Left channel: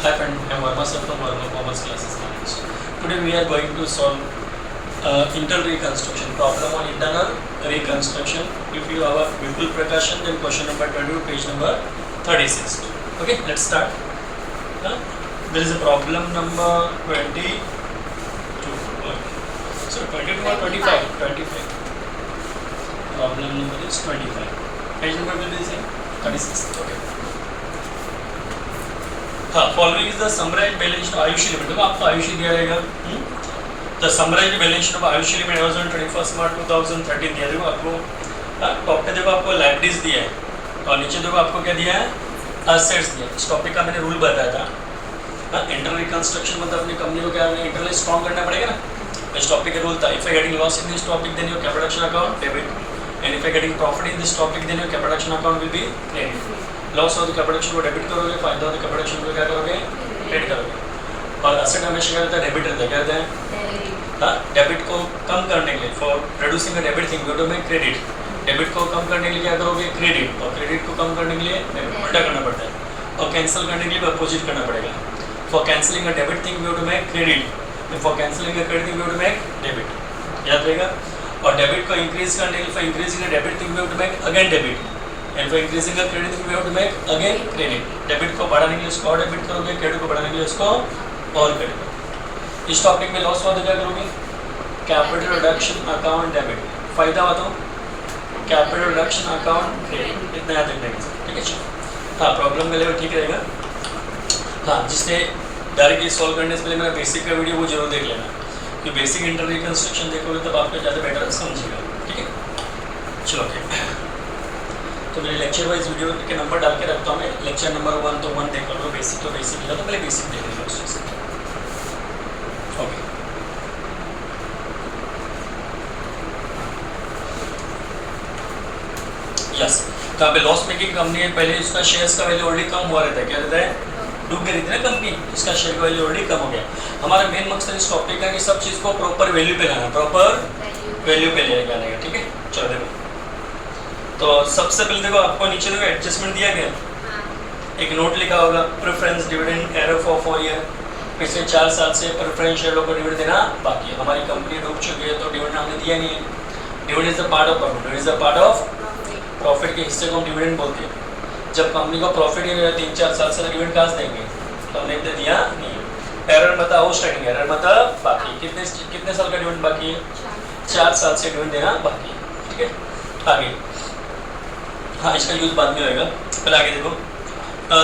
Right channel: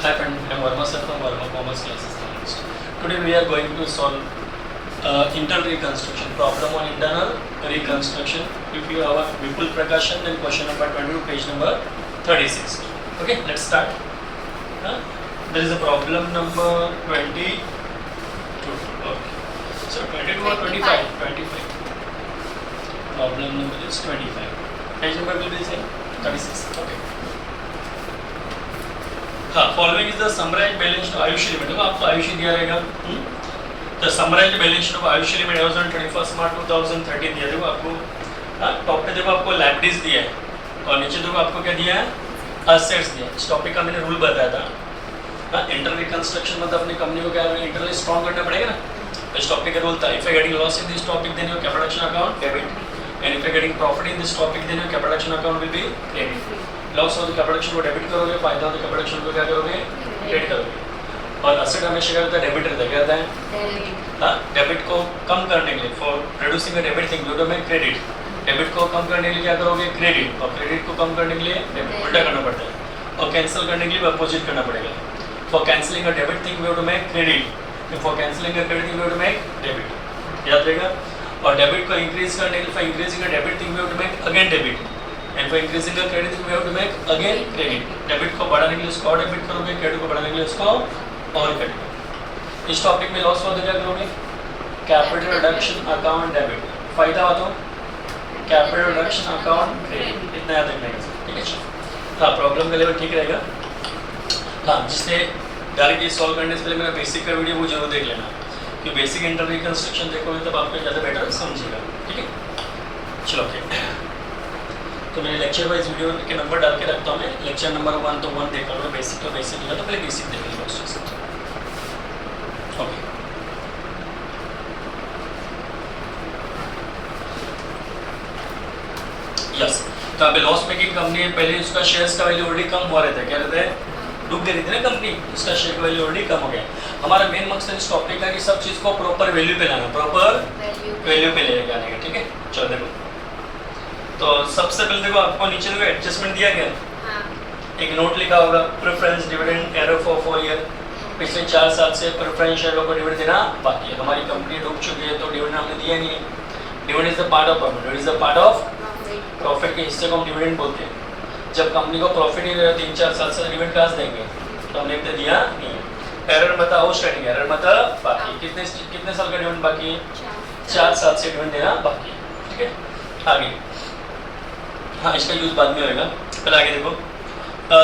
Hi friend, I'm Varma sir from Varma Commerce Classes Analyst. Today we are going to solve internal reconstruction problem on internal reconstruction. If you have a Vipul Prakashan, then question number 22, page number 36. Okay, let's start. There is a problem number 22. So 22 or 25? 25. Problem number is 25. Page number will be the same? 36. Okay. हाँ, following is the summarise balance of आयुष्य limit. देखो आपको आयुष्य दिया रहेगा, the summarise balance of आयुष्य limit as on 21 March 2013 दिया। देखो आपको टॉप पे देखो आपको लाइबिलिटीज दिया है और नीचे देखो आपको क्या दिया है, असेट्स दिया है। इस टॉपिक का मैंने रूल बताया था। इंटरनल रिकंस्ट्रक्शन मतलब अपनी कंपनी को क्या इंटरनली स्ट्रॉन्ग करना पड़ेगा ना। इस टॉपिक का रूल था, if you getting loss in this topic then your capital action account debit and if you getting profit in this topic then your capital action account will be credit. Loss हो तो capital action को debit करोगे, फायदा हो तो capital action को क्या करोगे, क्रेडिट करोगे। और असेट हमेशा क्या रहता है, डेबिट रहता है। क्या रहता है, हाँ, डेबिट को कम करने के लिए for reducing the debit thing you में क्रेडिट। डेबिट को कम करने के लिए क्या करोगे, क्रेडिट, और क्रेडिट को कम करने के लिए डेबिट, उल्टा करना पड़ता है। और कैंसिल करने के लिए अपोजिट करना पड़ेगा। For cancelling a debit thing you to make credit, for cancelling a credit thing you to make debit. याद रहेगा। और डेबिट को इंक्रीज करने के लिए for increasing a debit thing you to make again debit and for increasing the credit thing you have to make again credit. Debit को बढ़ाने के लिए उसको और डेबिट करोगे, क्रेडिट को बढ़ाने के लिए उसको और क्रेडिट। इस टॉपिक में लॉस हुआ तो क्या करोगे, कैपिटल रिडक्शन अकाउंट डेबिट, फायदा हुआ तो कैपिटल रिडक्शन अकाउंट क्रेडिट। इतना याद रखना है, ठीक है। हाँ, प्रॉब्लम का लेवल ठीक रहेगा। हाँ, जिसने डायरेक्टली सॉल्व करने से पहले मेरा बेसिक का वीडियो वो जरूर देख लेना, कि बेसिक इंटरनल रिकंस्ट्रक्शन देखोगे तब आपको ज़्यादा बेटर समझेगा, ठीक है। चलो ओके, तो मेरे लेक्चर वाइज वीडियो के नंबर डाल के रखता हूँ मैं। लेक्चर नंबर 1 तो 1 देख लो, बेसिक तो बेसिक लिया तो पहले बेसिक देख लो उससे। Okay, yes. तो यहाँ पे लॉस मेकिंग कंपनी है, पहले उसका शेयर्स का वैल्यू ऑलरेडी कम हुआ रहता है। क्या रहता है, डूब गई थी ना कंपनी, उसका शेयर का वैल्यू ऑलरेडी कम हो गया। हमारा मेन मकसद इस टॉपिक का कि सब चीज़ को प्रॉपर वैल्यू पे लाना, प्रॉपर वैल्यू पे ले जाने का, ठीक है। चलो देखो, तो सबसे पहले देखो आपको नीचे देखो एडजस्टमेंट दिया गया, एक नोट लिखा होगा, preference dividend arrow for 4 year. पिछले 4 साल से प्रेफरेंस शेयरों को डिविडेंड देना बाकी है। हमारी कंपनी डूब चुकी है तो डिविडेंड हमने दिया नहीं है। Dividend is the part of profit, is the part of profit के हिस्से को हम डिविडेंड बोलते हैं। जब कंपनी को प्रॉफिट ही नहीं रहा 3-4 साल से, डिविडेंड कहाँ से देंगे, तो हमने तो दिया नहीं है। एरर मतलब आउटस्टैंडिंग, एरर मतलब बाकी। कितने साल का डिविडेंड बाकी है, 4 साल से डिविडेंड देना बाकी है, ठीक है। आगे, हाँ, इसका यूज बाद में होगा, पहले आगे देखो।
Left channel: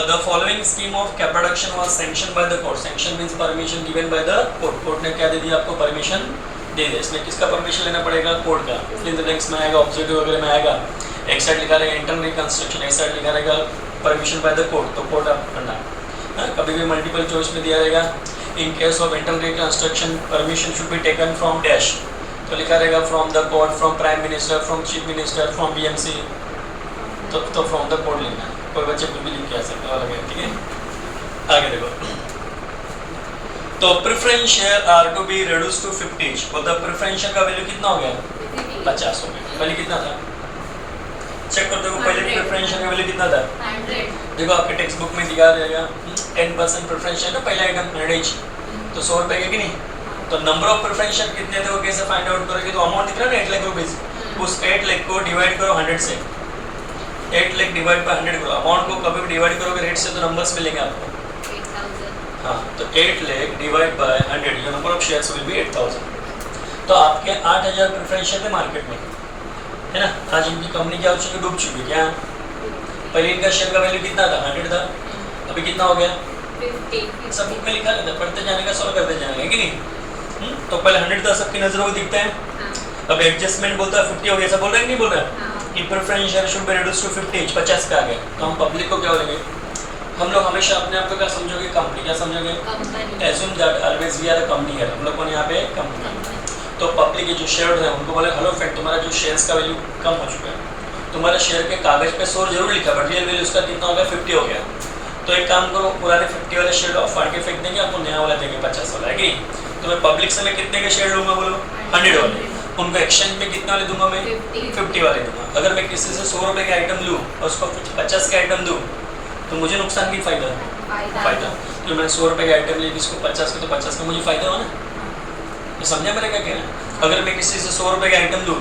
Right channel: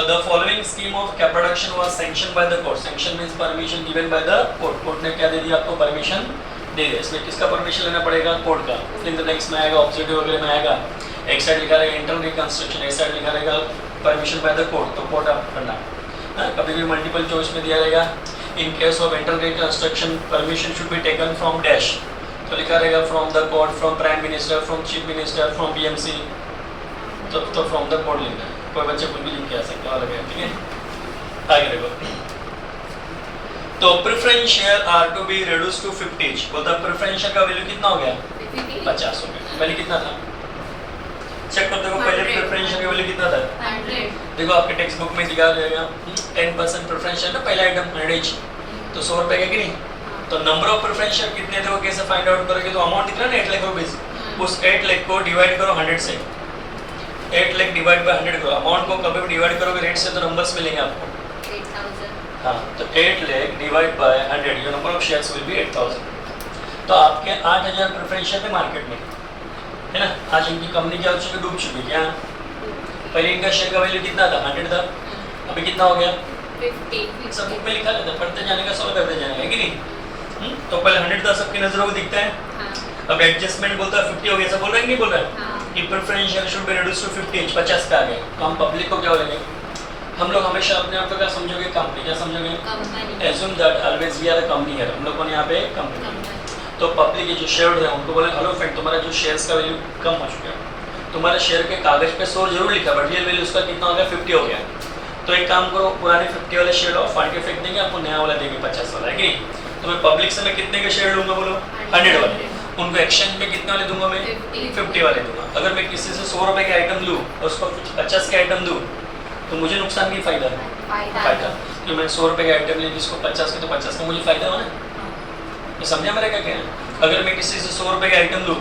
The following scheme of capital reduction was sanction by the court. Sanction means permission given by the court. Court ने क्या दे दिया आपको, परमिशन दे दिया। इसमें किसका परमिशन लेना पड़ेगा, कोर्ट का। इन द नेक्स्ट में आएगा, ऑब्जेक्टिव वगैरह में आएगा, एक साइड लिखा रहेगा इंटरनल रिकंस्ट्रक्शन, एक साइड लिखा रहेगा परमिशन बाय द कोर्ट, तो कोर्ट आप करना। कभी भी मल्टीपल चॉइस में दिया रहेगा, in case of internal reconstruction permission should be taken from dash, तो लिखा रहेगा from the court, from prime minister, from chief minister, from BMC, तो फ्रॉम द कोड लिखना है। कोई बच्चे कुछ भी लिख के आ सकते हैं, अलग है, ठीक है। आगे देखो, तो preference share are to be reduce to 50। बोलता प्रेफरेंस शेयर का वैल्यू कितना हो गया, 50 हो गया। पहले कितना था, चेक कर देखो, पहले प्रेफरेंस शेयर का वैल्यू कितना था, 100। देखो आपके टेक्स्ट बुक में दिखा रहेगा 10% प्रेफरेंस शेयर ना, पहला आइटम 100 तो 100 रुपए का कि नहीं। तो नंबर ऑफ प्रेफरेंस शेयर कितने थे वो कैसे फाइंड आउट करोगे, तो अमाउंट दिख रहा है ना 8 लाख रुपीज, उस 8 लाख को डिवाइड करो 100 से। 8 लाख डिवाइड बाय 100 करो, अमाउंट को कभी भी डिवाइड करोगे रेट से तो नंबर्स मिलेंगे आपको, 8000। हाँ, तो 8 lakh divide by 100, your number of shares will be 8000। तो आपके 8000 प्रेफरेंस शेयर थे मार्केट में, है ना। आज इनकी कंपनी क्या हो चुकी है, डूब चुकी है। क्या, पहले इनका शेयर का वैल्यू कितना था, 100 था, अभी कितना हो गया, 50। सब बुक में लिखा रहता है, पढ़ते जाने का, सॉल्व करते जाने का, कि नहीं। तो पहले 100 था, सबकी नजरों को दिखता है। अब एडजस्टमेंट बोलता है 50 हो गया, ऐसा बोल रहा है कि नहीं बोल रहा है, कि preference share should be reduce to 50, 50 का आ गया। तो हम पब्लिक को क्या बोलेंगे, हम लोग हमेशा अपने आप को क्या समझोगे, कंपनी। क्या समझोगे, assume that always we are a company है, हम लोग को यहाँ पे कंपनी। तो पब्लिक के जो शेयर है उनको बोले, हेलो फ्रेंड, तुम्हारा जो शेयर्स का वैल्यू कम हो चुका है, तुम्हारा शेयर के कागज पे 100 जरूर लिखा, बट रियल वैल्यू उसका कितना हो गया, 50 हो गया। तो एक काम करो, पुराने 50 वाले शेयर ऑफ फाड़ के फेंक देंगे, आपको नया वाला देंगे 50 वाला, है कि। तो मैं पब्लिक से मैं कितने के शेयर लूँगा, बोलो 100 वाले। उनको एक्सचेंज में कितने वाले दूंगा मैं, 50 वाले दूंगा। अगर मैं किसी से 100 रुपए के आइटम लूँ और उसको 50 के आइटम दूँ, तो मुझे नुकसान की फायदा, फायदा। जो मैंने 100 रुपये का आइटम ली उसको 50 का, तो 50 का मुझे फ़ायदा हो ना। तो समझा मेरा क्या कहना है? अगर मैं किसी से 100 रुपये का आइटम दूँ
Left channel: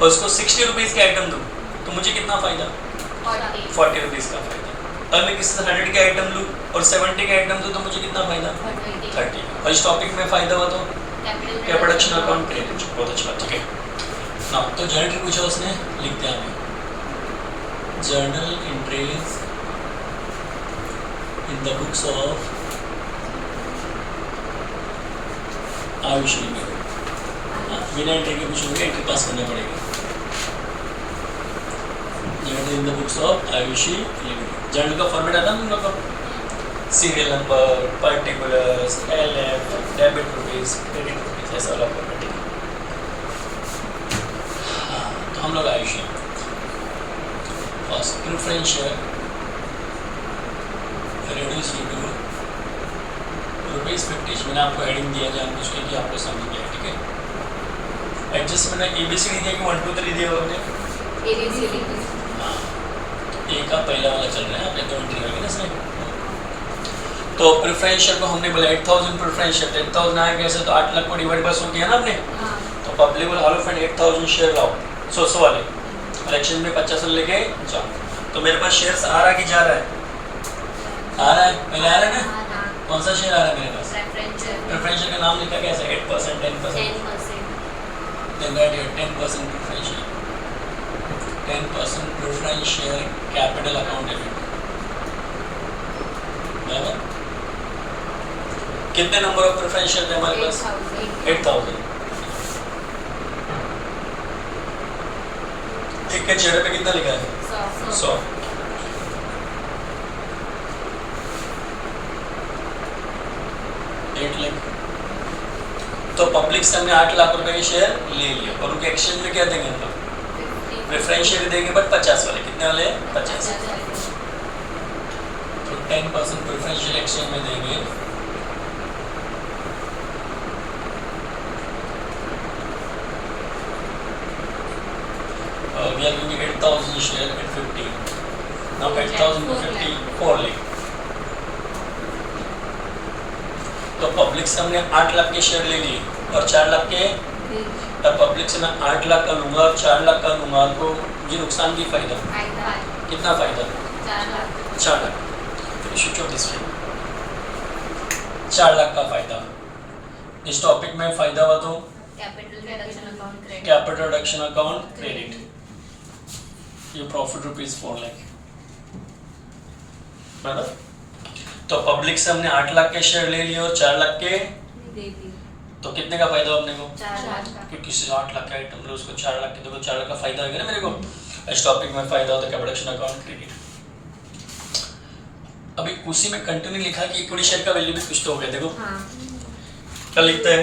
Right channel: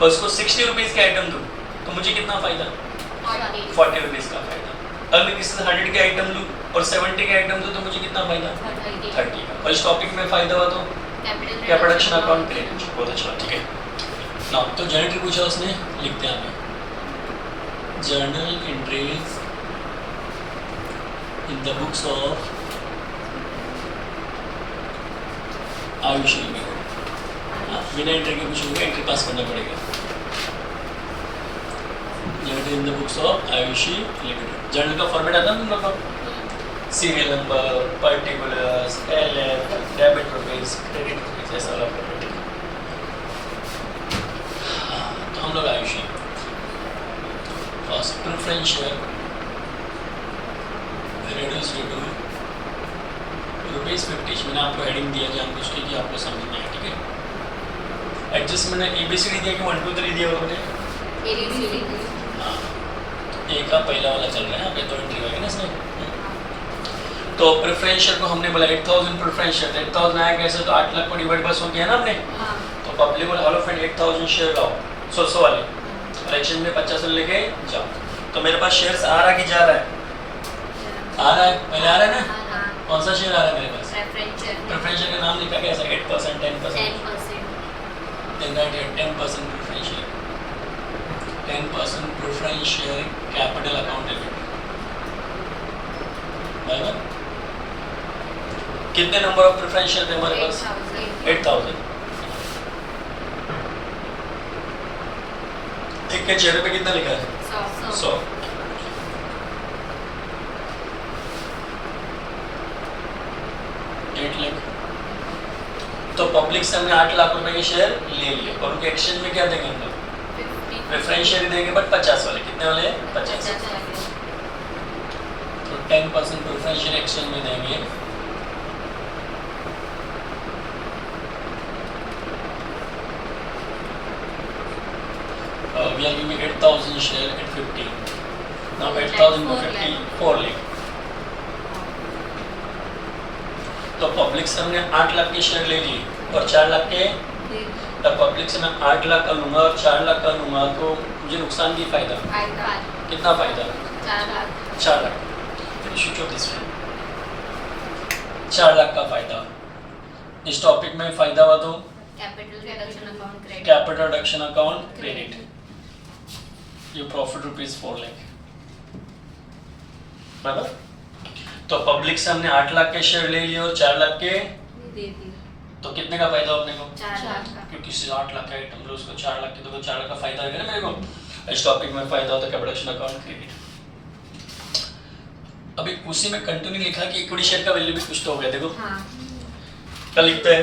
और उसको 60 रुपीज़ का आइटम दूँ तो मुझे कितना फ़ायदा? 40 रुपीज़ का फ़ायदा। अगर मैं किसी से 100 के आइटम लूँ और 70 के आइटम दूँ तो मुझे कितना फ़ायदा? 30 का। और इस टॉपिक में फ़ायदा हुआ तो क्या प्रोडक्शन अकाउंट क्रेडिट। बहुत अच्छा, ठीक है ना। तो जर्नल पूछा उसने, लिखते हैं हमें journal entries in the books of Ayushi limited. ये एंट्री के पूछोगे, एंट्री पास करना पड़ेगा। Journal in the books of Ayushi limited. Journal का फॉर्मेट आता है हम लोग का, serial number, particulars, LF, debit rupees, credit rupees, ऐसा वाला फॉर्मेट है। तो हम लोग Ayushi first preference share reduce to ₹50। मैंने आपको हेडिंग दिया जान उसके कि आपको समझ में आए, ठीक है। एडजस्ट मैंने ABCD दिया कि 1 2 3 दिया मैंने ABCD। हाँ, तो ए का पहला वाला चल रहा है, आपने 2 एंट्री होगी ना इसमें। तो प्रेफरेंस शेयर को हमने बोला 8000 प्रेफरेंस शेयर, 8000 आया कैसे? तो 8 लाख को डिवाइड बाय 100 किया ना हमने। तो पब्लिक बोला हॉलो फ्रेंड 8000 शेयर लाओ, 100 वाले, और एक्सचेंज में 50 लेके जाओ। तो मेरे पास शेयर्स आ रहा कि जा रहा है? आ रहा है, पहले आ रहा है ना। कौन सा शेयर आ रहा है मेरे पास? प्रेफरेंस शेयर का नाम लिखा कैसा? 8%, 10%, then that 10% preference share, 10% preference share capital account debit. बराबर कितने नंबर ऑफ प्रेफरेंस शेयर थे हमारे पास? 8000। एक के चेहरे पे कितना लिखा है? 100। तो पब्लिक से हमने 8 लाख रुपए के शेयर ले लिए और उनके एक्सचेंज में क्या देंगे हम लोग? प्रेफरेंस शेयर देंगे, बट 50 वाले। कितने वाले? 50। तो 10% प्रेफरेंस शेयर एक्सचेंज में देंगे। We are giving 8000 share at 50. Now 8000 to 50, 4 lakh. तो पब्लिक से हमने 8 लाख के शेयर ले लिए और 4 लाख के, और पब्लिक से मैं 8 लाख का लूँगा और 4 लाख का लूँगा तो मुझे नुकसान की फ़ायदा? कितना फ़ायदा? 4 लाख। इसमें 4 लाख का फ़ायदा। इस टॉपिक में फ़ायदा हुआ तो कैपिटल रिडक्शन अकाउंट क्रेडिट। ये प्रॉफिट ₹4 लाख, बराबर। तो पब्लिक से हमने 8 लाख के शेयर ले लिए और 4 लाख के दे दिए, तो कितने का फायदा अपने को? 4 लाख का। क्योंकि किसी 8 लाख का आइटम लो उसको 4 लाख के, तो 4 लाख का फायदा हो गया ना मेरे को। इस टॉपिक में फायदा होता है कैपिटल अकाउंट क्रेडिट। अभी उसी में कंटिन्यू लिखा कि इक्विटी शेयर का वैल्यू भी कुछ तो हो गया। देखो क्या लिखता है?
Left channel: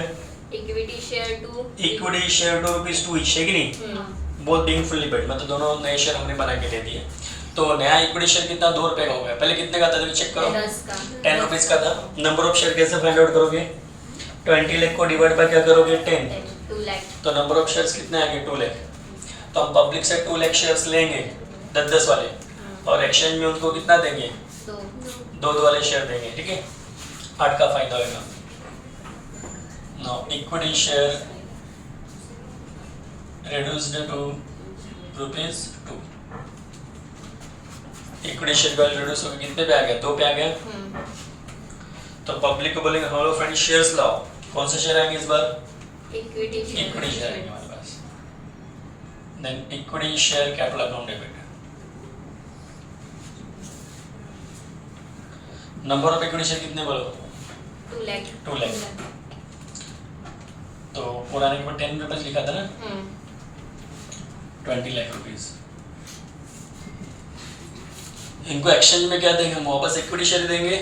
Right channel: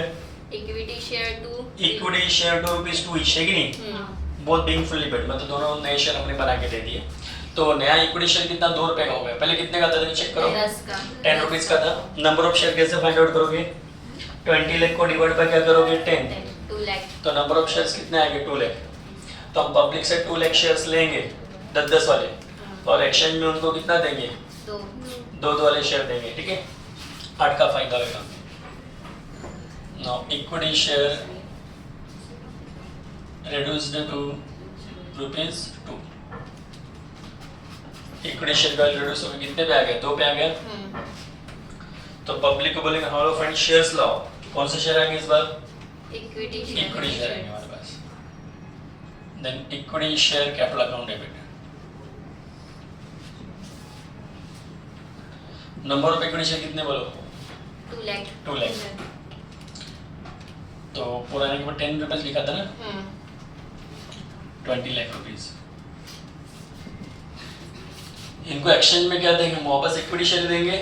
इक्विटी शेयर टू ₹2 ईच है कि नहीं? बोथ बीइंग फुल्ली पेड, मतलब दोनों नए शेयर हमने बना के दे दिए। तो नया इक्विटी शेयर कितना? ₹2 का हो गया। पहले कितने का था चेक करो, 10 रुपीज का था। नंबर ऑफ शेयर कैसे फाइंड आउट करोगे? 20 लाख को डिवाइड बाय क्या करोगे? 10, 2 लाख। तो नंबर ऑफ शेयर्स कितने आ गए? 2 लाख। तो हम पब्लिक से 2 लाख शेयर्स लेंगे 10-10 वाले, और एक्सचेंज में उनको कितना देंगे? 2 वाले शेयर देंगे, ठीक है। 8 का फायदा होगा। Now equity share reduced to ₹2। Equity share का रिड्यूस होकर कितने पे आ गया? 2 पे आ गया। तो पब्लिक को बोलेंगे हेलो फ्रेंड शेयर्स लाओ। कौन से शेयर आएंगे इस बार? इक्विटी शेयर आएंगे हमारे पास। Then equity share capital account debit. Number of equity share कितने बोलो? 2 लाख। तो पुराने के ऊपर 10 रुपीज लिखा था ना, 20 लाख रुपीज। इनको एक्सचेंज में क्या देंगे? वापस इक्विटी शेयर देंगे।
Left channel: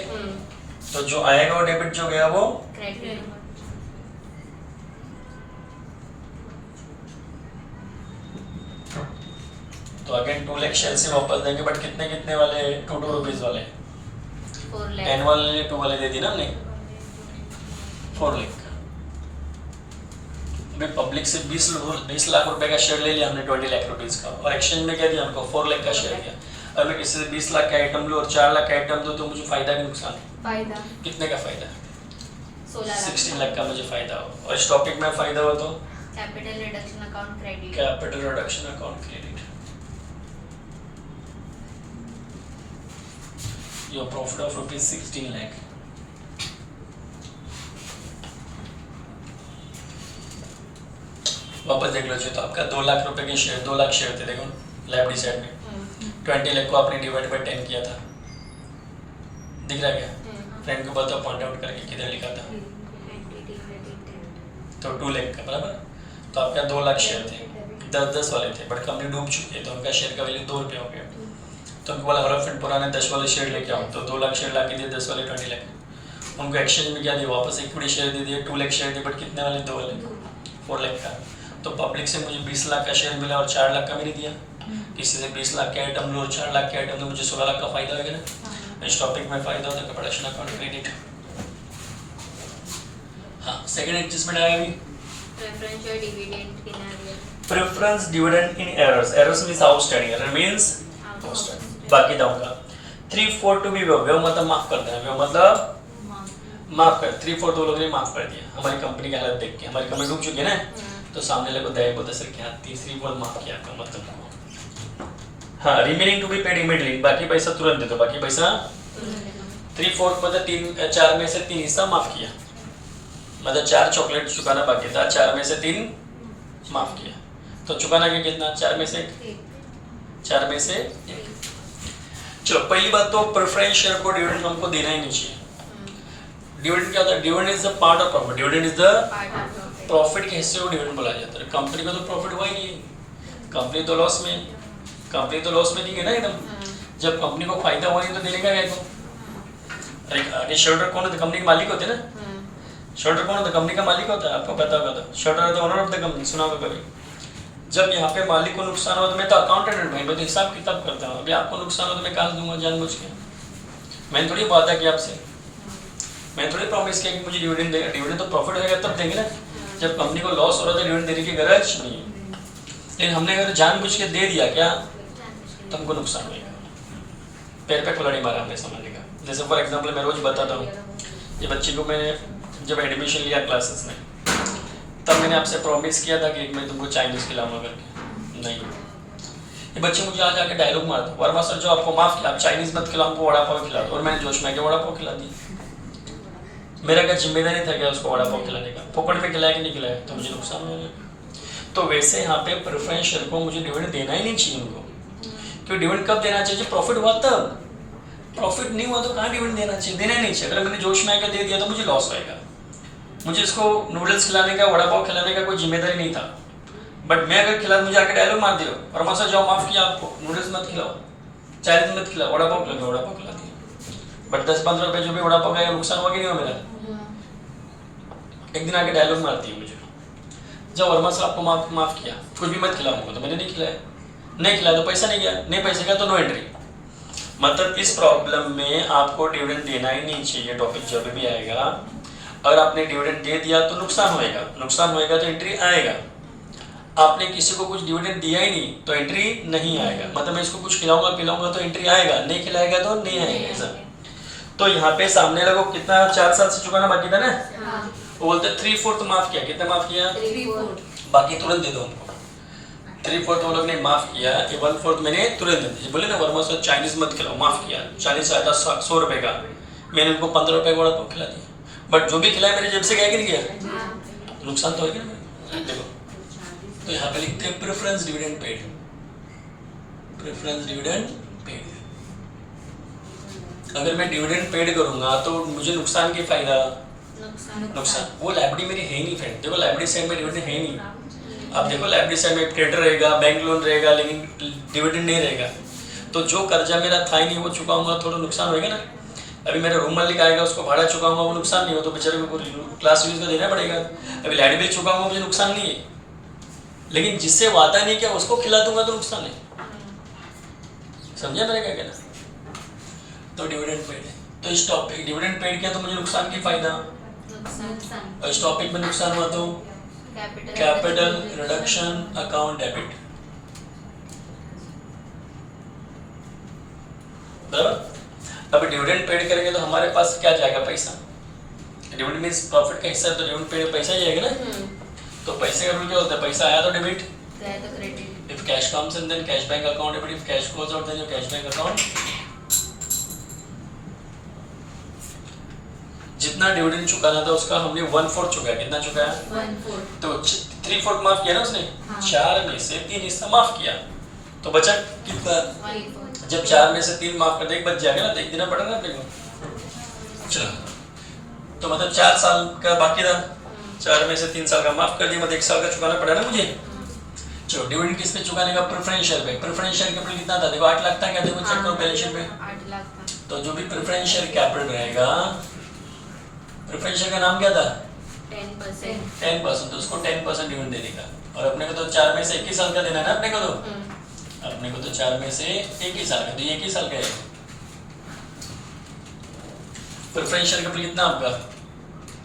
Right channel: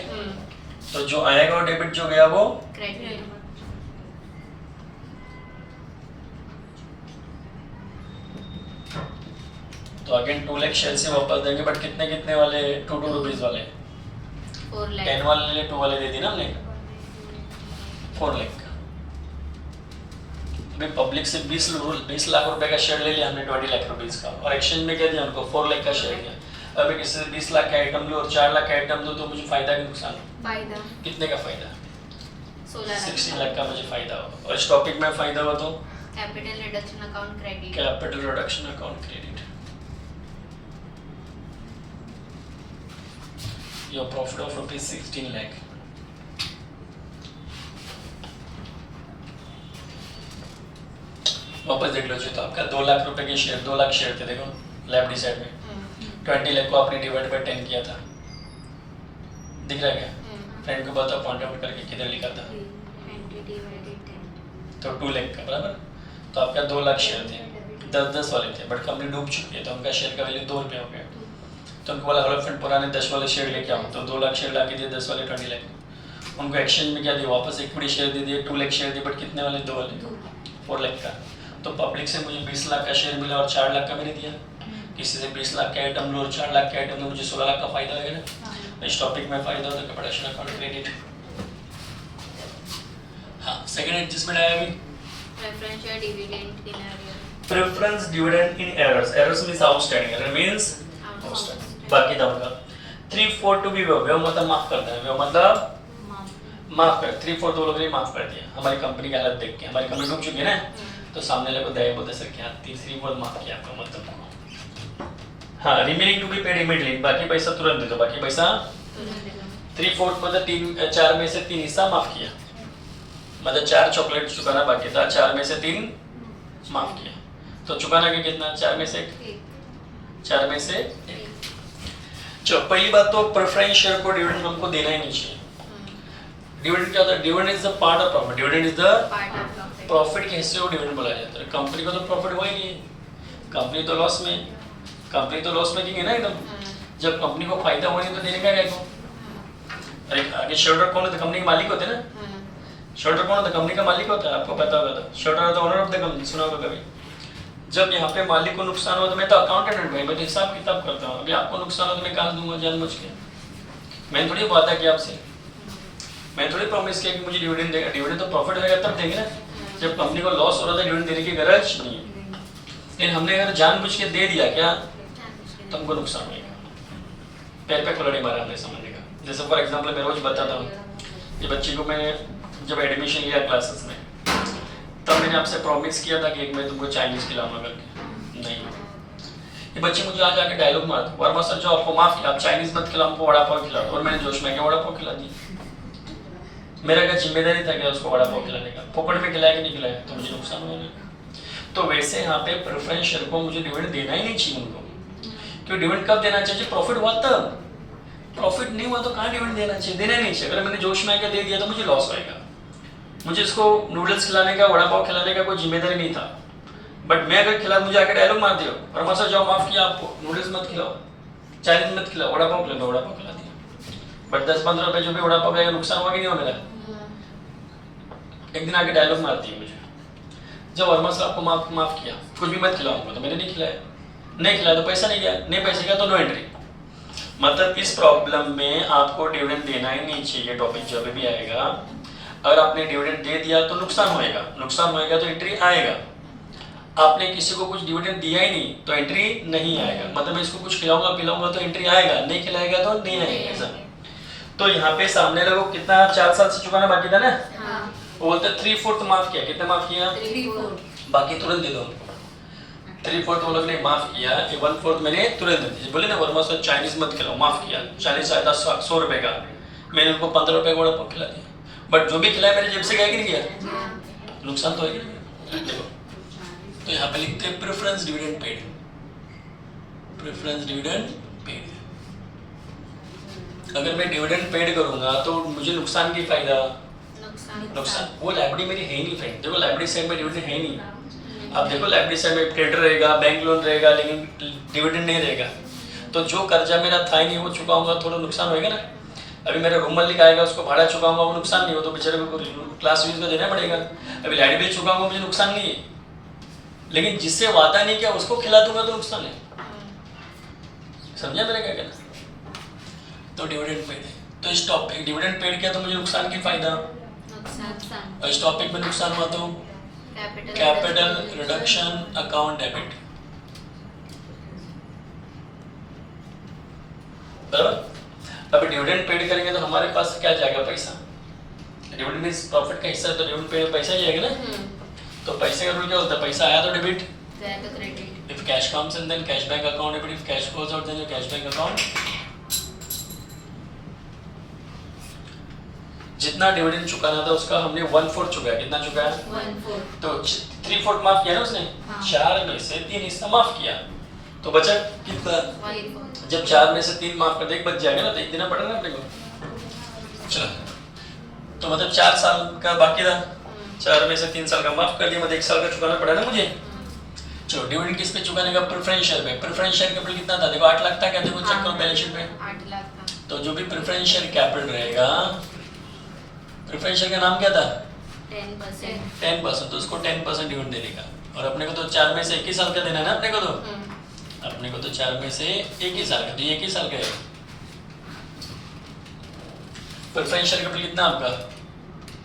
तो जो आएगा वो डेबिट, जो गया वो क्रेडिट। तो अगेन 2 लाख शेयर से वापस देंगे, बट कितने कितने वाले? 2 रुपीज वाले। 10 वाले 2 वाले दे दी ना हमने, 4 लाख। अभी पब्लिक से 20 लाख रुपए का शेयर ले लिया हमने 20 लाख रुपीज का, और एक्सचेंज में क्या दिया हमको? 4 लाख का शेयर दिया। अगर मैं किसी से 20 लाख का आइटम लूँ और 4 लाख का आइटम लूँ तो मुझे फायदा कि नुकसान? फायदा। कितने का फायदा? 16 लाख का मुझे फायदा हो। और इस टॉपिक में फायदा हो तो capital reduction account credit. Capital reduction account credit. Your profit of ₹16 lakh. वापस देख लो जी, तो आपका 2 लाख रुपए के शेयर, 2 लाख शेयर थे, देखो लेफ्ट डी साइड में 20 लाख को आपने डिवाइड बाय 10 किया था, दिख रहा है क्या? फ्रेंड को बताओ पॉइंट आउट करके किधर लिखा था, तो 2 लाख का बराबर। तो आपका 2 लाख शेयर थे, 10-10 वाले थे, बट कंपनी डूब चुकी है तो उनका शेयर का वैल्यू ₹2 हो गया। तो उनको बोला हेलो फ्रेंड पुराने 10 वाले शेयर लेके आओ, तो 2 लाख शेयर ला के दिए, 10 वाले 20 लाख। उनको एक्सचेंज में क्या दिया, वापस इक्विटी शेयर दे दिए, 2 लाख शेयर दिए, बट कितने वाले? 2 वाले, 4 लाख का। तो पब्लिक से मुझे 20 लाख का शेयर मिला और 4 लाख का मैंने दिया। किसी से 20 लाख के आइटम लो और 4 लाख के आइटम लो, मुझे 16 लाख का फायदा हो गया ना। इस टॉपिक में फायदा होता है प्रोडक्शन अकाउंट क्रेडिट। हाँ, सेकंड एडजस्टमेंट आया अभी, preferential dividend in error. Preference dividend in errors. Errors means outstanding, error means outstanding. बाकी दूंगा 3/4 टू बी व्यव मतलब माफ कर देना, व्यव मतलब माफ कर। 3/4 वो लोगों ने माफ कर दिया हमारी कंपनी की हालत देख के। हमारी कंपनी डूब चुकी है ना, तो सामने लोग दया बोलते सर क्या 3/4 माफ किया आपका मतलब। हाँ, remaining to be paid immediately, बाकी पैसा तुरंत दे दो। बाकी पैसा 3/4 मतलब 4 में से 3 हिस्सा माफ किया, मतलब 4 चॉकलेट चुकाना बाकी था, 4 में से 3 माफ किया। तो चुकाना क्या कितना? 4 में से 1, 4 में से 1। चलो पहली बात तो प्रेफरेंस शेयर को डिविडेंड हमको देना ही नहीं चाहिए। डिविडेंड क्या होता है? Dividend is the part of profit. Dividend is the profit के हिस्से को डिविडेंड बोला जाता है। कंपनी को तो प्रॉफिट हुआ ही नहीं है, कंपनी तो लॉस में, कंपनी तो लॉस मेकिंग है ना एकदम। जब कंपनी को फायदा हो नहीं तो देने का क्या को? अरे आगे शेयरहोल्डर कौन होता है? कंपनी के मालिक होते हैं ना। शेयरहोल्डर कौन होता है? कंपनी का मालिक होता है, आपको पता होगा। तो शेयरहोल्डर तो ओनर ऑफ द कंपनी, सुना होगा कभी। जब यहाँ पे मालिक को नुकसान हुआ तो मैं तो अकाउंटेंट भाई, मैं तो हिसाब किताब करता हूँ। अभी आपको नुकसान हो तो मैं कहाँ दूंगा जानबूझ के? मैंने थोड़ी वादा किया आपसे, मैं थोड़ी प्रॉमिस किया कि मुझे डिविडेंड देगा। डिविडेंड तो प्रॉफिट होगा तब देंगे ना। जब कंपनी को लॉस हो रहा था डिविडेंड देने की गरज नहीं है, लेकिन हमने अगर जानबूझ के दे दिया क्या तो हमको नुकसान होगा। पैर पे कुल्हाड़ी मारा हमने, समझने का। जैसे फॉर एग्जाम्पल मैं रोज बताता हूँ, ये बच्ची को मैंने जब एडमिशन लिया क्लासेस में, तब मैंने आपसे प्रॉमिस किया था कि एक मैं तुमको चाइनीज खिलाऊंगा करके। नहीं, ये बच्ची मुझे आज आके डायलॉग मारती, वर्मा सर जो आपको माफ किया, आप चाइनीज मत खिलाओ, हमको वड़ा पाव खिला दो। और मैंने जोश में के वड़ा पाव खिला दी। मेरा क्या जिम्मेदारी था क्या उसको वड़ा पाव खिलाने का? फोकट में खिलाया कि नहीं खिलाया, तो मुझे नुकसान हो गया। तो वैसे यहाँ पे प्रेफरेंस शेयर को मुझे डिविडेंड देना ही नहीं चाहिए उनको। क्यों डिविडेंड कब देना चाहिए? प्रॉफिट हुआ तब। प्रॉफिट नहीं हुआ तो कहाँ डिविडेंड देना चाहिए? देना ही नहीं चाहिए। अगर मैंने जोश में आके दे दिया तो मुझे लॉस होएगा। मुझे इसको नूडल्स खिलाने का, वड़ा पाव खिलाने का कोई जिम्मेदारी नहीं था। बट मैं अगर खिला, मुझे आके डायलॉग मार दियो, वर्मा सर जाओ माफ किया आपको, नूडल्स मत खिलाओ, चाइनीज मत खिलाओ, वड़ा पाव खिलाओ, वड़ा पाव खिला दिया। बट 10-15 रुपए जो भी वड़ा पाव खाएगा नुकसान हुआ कि नहीं हुआ मेरा? एक दिन आके डायलॉग मारती है मुझे, जब वर्मा सर आपको माफ किया, कुछ भी मत खिलाऊंगा, तो मैंने नहीं खिलाया। नहीं खिलाया तो पैसा नहीं गया, नहीं पैसे गया तो नो एंट्री। मतलब इस प्रॉब्लम में आपको डिविडेंड देना ही नहीं चाहिए। टॉपिक जब भी आएगा, अगर आपने डिविडेंड दे दिया तो नुकसान होएगा, नुकसान होएगा तो एंट्री आएगा। आपने किसी को कुछ डिविडेंड दिया ही नहीं तो एंट्री नहीं आएगा। मतलब मैं इसको कुछ खिलाऊंगा पिलाऊंगा तो एंट्री आएगा, नहीं खिलाएगा तो नहीं आएगा ऐसा। तो यहाँ पे सामने लोगों को कितना 4 साल से चुकाना बाकी था ना, वो बोलते 3/4 माफ किया। कितना माफ किया? 3/4। बाकी तुरंत दे दो हमको। 3/4 वो लोग ने माफ किया, 1/4 मैंने तुरंत दे दी। बोले ना वर्मा सर चाइनीज मत खिलाओ, माफ किया। चाइनीज आया था 100 रुपए का, मैंने उनको 15 रुपए का वड़ा पाव खिला दिया। बट जो भी खिलाया मेरे जेब से गया कि नहीं गया? नुकसान तो है ना। देखो तो यहाँ पे लिखते हैं preference dividend paid, preference dividend paid. अगर मैं डिविडेंड पेड करूंगा तो मुझे नुकसान की फायदा? नुकसान। वो लाइबिलिटी मेरी है नहीं फ्रेंड। देखो लाइबिलिटी साइड में डिविडेंड है नहीं। अब देखो लाइबिलिटी साइड में क्रेडिटर रहेगा, बैंक लोन रहेगा, लेकिन डिविडेंड नहीं रहेगा। तो जो कर्जा मेरा था ही नहीं वो चुकाऊंगा, थोड़ा नुकसान होएगा ना। अभी मेरा रूम मालिक आएगा, उसको भाड़ा चुकाऊंगा, वो नुकसान नहीं हो, तो बेचारे को क्लास यूज का देना पड़ेगा। अभी लाइट बिल चुकाऊंगा, मुझे नुकसान नहीं है। लेकिन जिससे वादा नहीं किया उसको खिला दूंगा तो नुकसान है। समझा मेरा क्या कहना? तो डिविडेंड पेड है। तो इस टॉपिक डिविडेंड पेड किया तो मुझे नुकसान की फायदा, और इस टॉपिक में नुकसान हुआ तो कैपिटल रिडक्शन अकाउंट डेबिट। अभी डिविडेंड पेड करेंगे तो हमारे पास क्या जाएगा पैसा, डिविडेंड मींस प्रॉफिट का हिस्सा है, तो डिविडेंड पेड पैसा ही आएगा ना। तो पैसे का रूल क्या होता है, पैसा आया तो डेबिट, गया तो credit. If cash comes in then cash bank account debit, if cash goes out then your cash bank account. जितना डिविडेंड चुकाना था उसका हमने 1/4 चुकाया, कितना चुकाया, 1/4। तो 3/4 माफ किया ना उसने, हाँ। 4 में से 3 हिस्सा माफ किया, तो बचा कितना, 1/4। जब 4 में से 3 माफ कर दे, एक बच जाएगा ना, तो एक देना पड़ेगा अपने को। चलो, तो मतलब 4 साल का बाकी था, 4 में से 3 साल का माफ कर दिया, मतलब 1 साल का चुकाना पड़ा ना मुझे। चलो, डिविडेंड किस पे चुकाने का, प्रेफरेंस शेयर पे। प्रेफरेंस शेयर कैपिटल कितना था, देखो 8 लाख था क्या, देखो चेक करो बैलेंस शीट पे। 8 लाख था। तो जो भी प्रेफरेंस शेयर कैपिटल रहेगा, प्रेफरेंस शेयर का नाम क्या था, 10%। 10%, तो उसको 10% डिविडेंड देने का। और अपने को तो 4 में से 1 ही साल का देना है ना अपने को, तो अपने को तो 4 में से 1 ही साल का, तो 1 ही साल का है। प्रेफरेंस शेयर कैपिटल कितना आपका,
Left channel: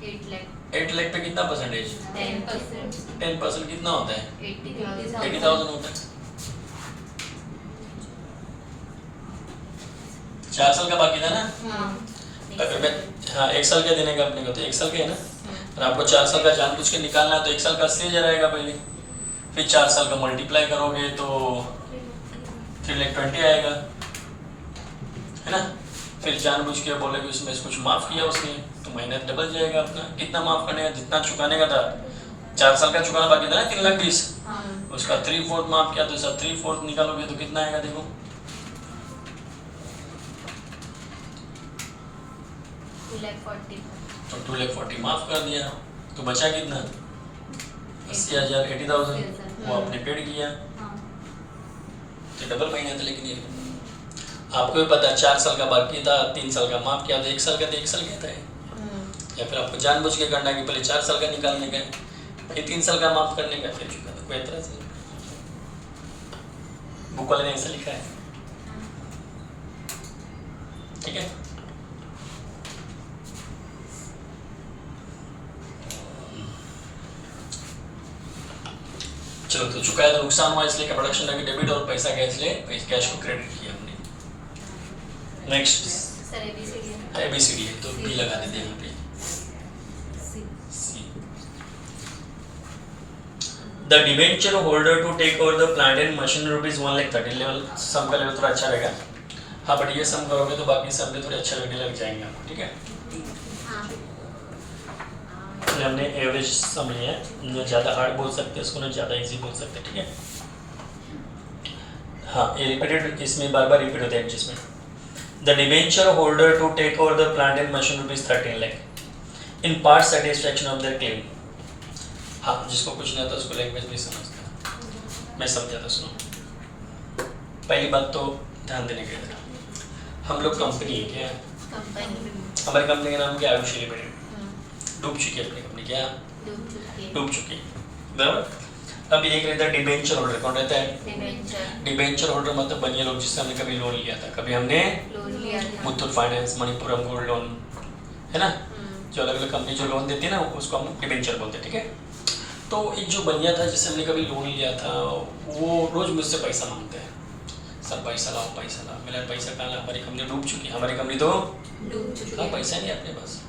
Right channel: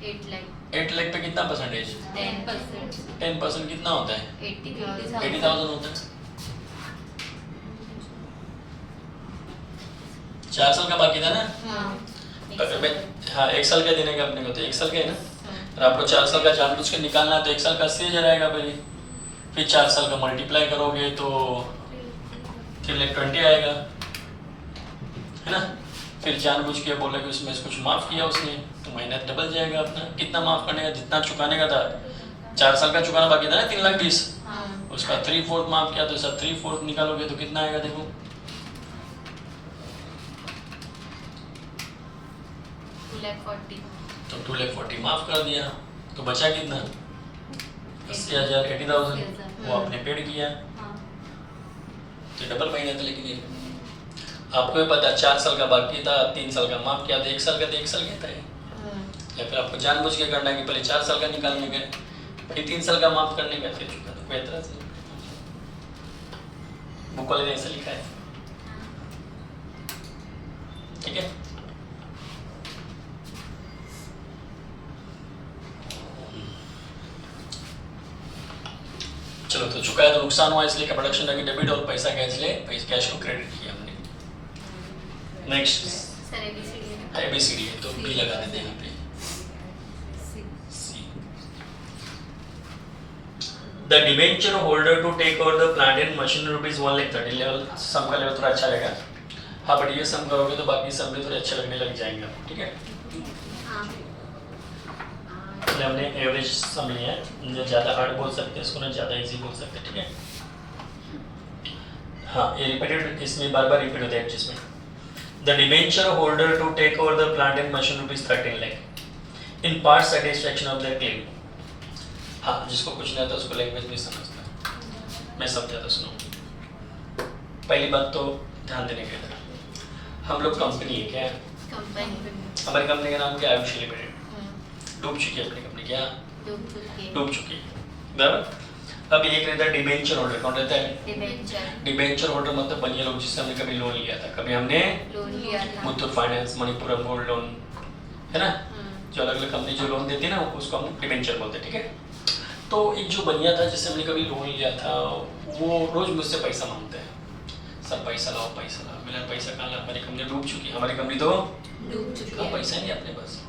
8 लाख। 8 लाख पे कितना परसेंटेज, 10%। 10% कितना होता है, 80,000। 80,000 होता है। 4 साल का बाकी था ना, अगर मैं हाँ 1 साल का देने का अपने को, तो 1 साल का है ना, और आपको 4 साल का जानबूझ के निकालना है, तो 1 साल का 80,000 आएगा पहले, फिर 4 साल का मल्टीप्लाई करोगे तो 3,20,000 आएगा, है ना। फिर जानबूझ के बोलेगे उसमें से कुछ माफ किया उसने, तो मेहनत डबल जाएगा अपना। कितना माफ करने का, जितना चुकाने का था, 4 साल का चुकाना बाकी था ना 3,20,000, उसका 3/4 माफ किया, तो सब 3/4 निकालोगे तो कितना आएगा, देखो 2,40,000। तो 2,40,000 माफ कर दिया, तो बचा कितना, 80,000, 80,000 वो आपने पेड किया, तो डबल महीने था। लेकिन ये आपको भी पता है 4 साल का बाकी था, 3 साल का माफ किया, तो 1 साल का तो 1 साल का था, या फिर आपको जानबूझ के करना है कि पहले 4 साल का निकालने का, फिर 3 साल का माफ करने का, फिर चुका, तो कोई एतराज नहीं। बुक वाले ने ऐसा लिखा है, ठीक है। चलो, तो चुकाया तो नुकसान हुआ, इसलिए प्रोडक्शन का डेबिट, और पैसा क्या, इसलिए कैश को क्रेडिट किया हमने। Next sir ABCD। ABCD है, तो बी लगा देते हैं यहाँ पे, C. The debenture holder to take over the plant and machine ₹1,30,000 level, sum का लेवल थोड़ा अच्छा रहेगा। हाँ, बट ये सम करोगे तो बाकी सम भी थोड़े अच्छे लगने लग जाएंगे आपको, ठीक है। हमने एवरेज सम लिया है, जो ज़्यादा हार्ड बोल सकते हैं इसको, ना ज़्यादा इजी बोल सकते हैं, ठीक है। हाँ, ये रिपीटेड, इसमें बार बार रिपीट होता है adjustment. The debenture holder to take over the plant and machine ₹13 lakh in part satisfaction of the claim. हाँ, जिसको कुछ नहीं आता उसको लैंग्वेज नहीं समझता, मैं समझाता, सुनो। पहली बात तो ध्यान देने की जरा, हम लोग कंपनी है क्या, कंपनी हमारी कंपनी का नाम क्या है, आयुष लिमिटेड। डूब चुकी है अपनी कंपनी, क्या डूब चुकी है, बराबर। अब एक रहता है डिबेंचर होल्डर, कौन रहता है, डिबेंचर होल्डर मतलब बनिए लोग जिससे हमने कभी लोन लिया था, कभी हमने लोन लिया था। Muthoot finance, Manappuram gold loan, है ना, जो अलग अलग कंपनी जो लोन देती है ना, उसको हम डिबेंचर बोलते हैं, ठीक है। तो एक जो बनिया था जिससे हमने कभी लोन लिया था, वो रोज मुझसे पैसा मांगते हैं, सर पैसा लाओ पैसा लाओ। मेरा पैसा कहाँ ला, हमारी कंपनी डूब चुकी है, हमारी कंपनी तो डूब चुकी हाँ, है। पैसा नहीं है अपने पास,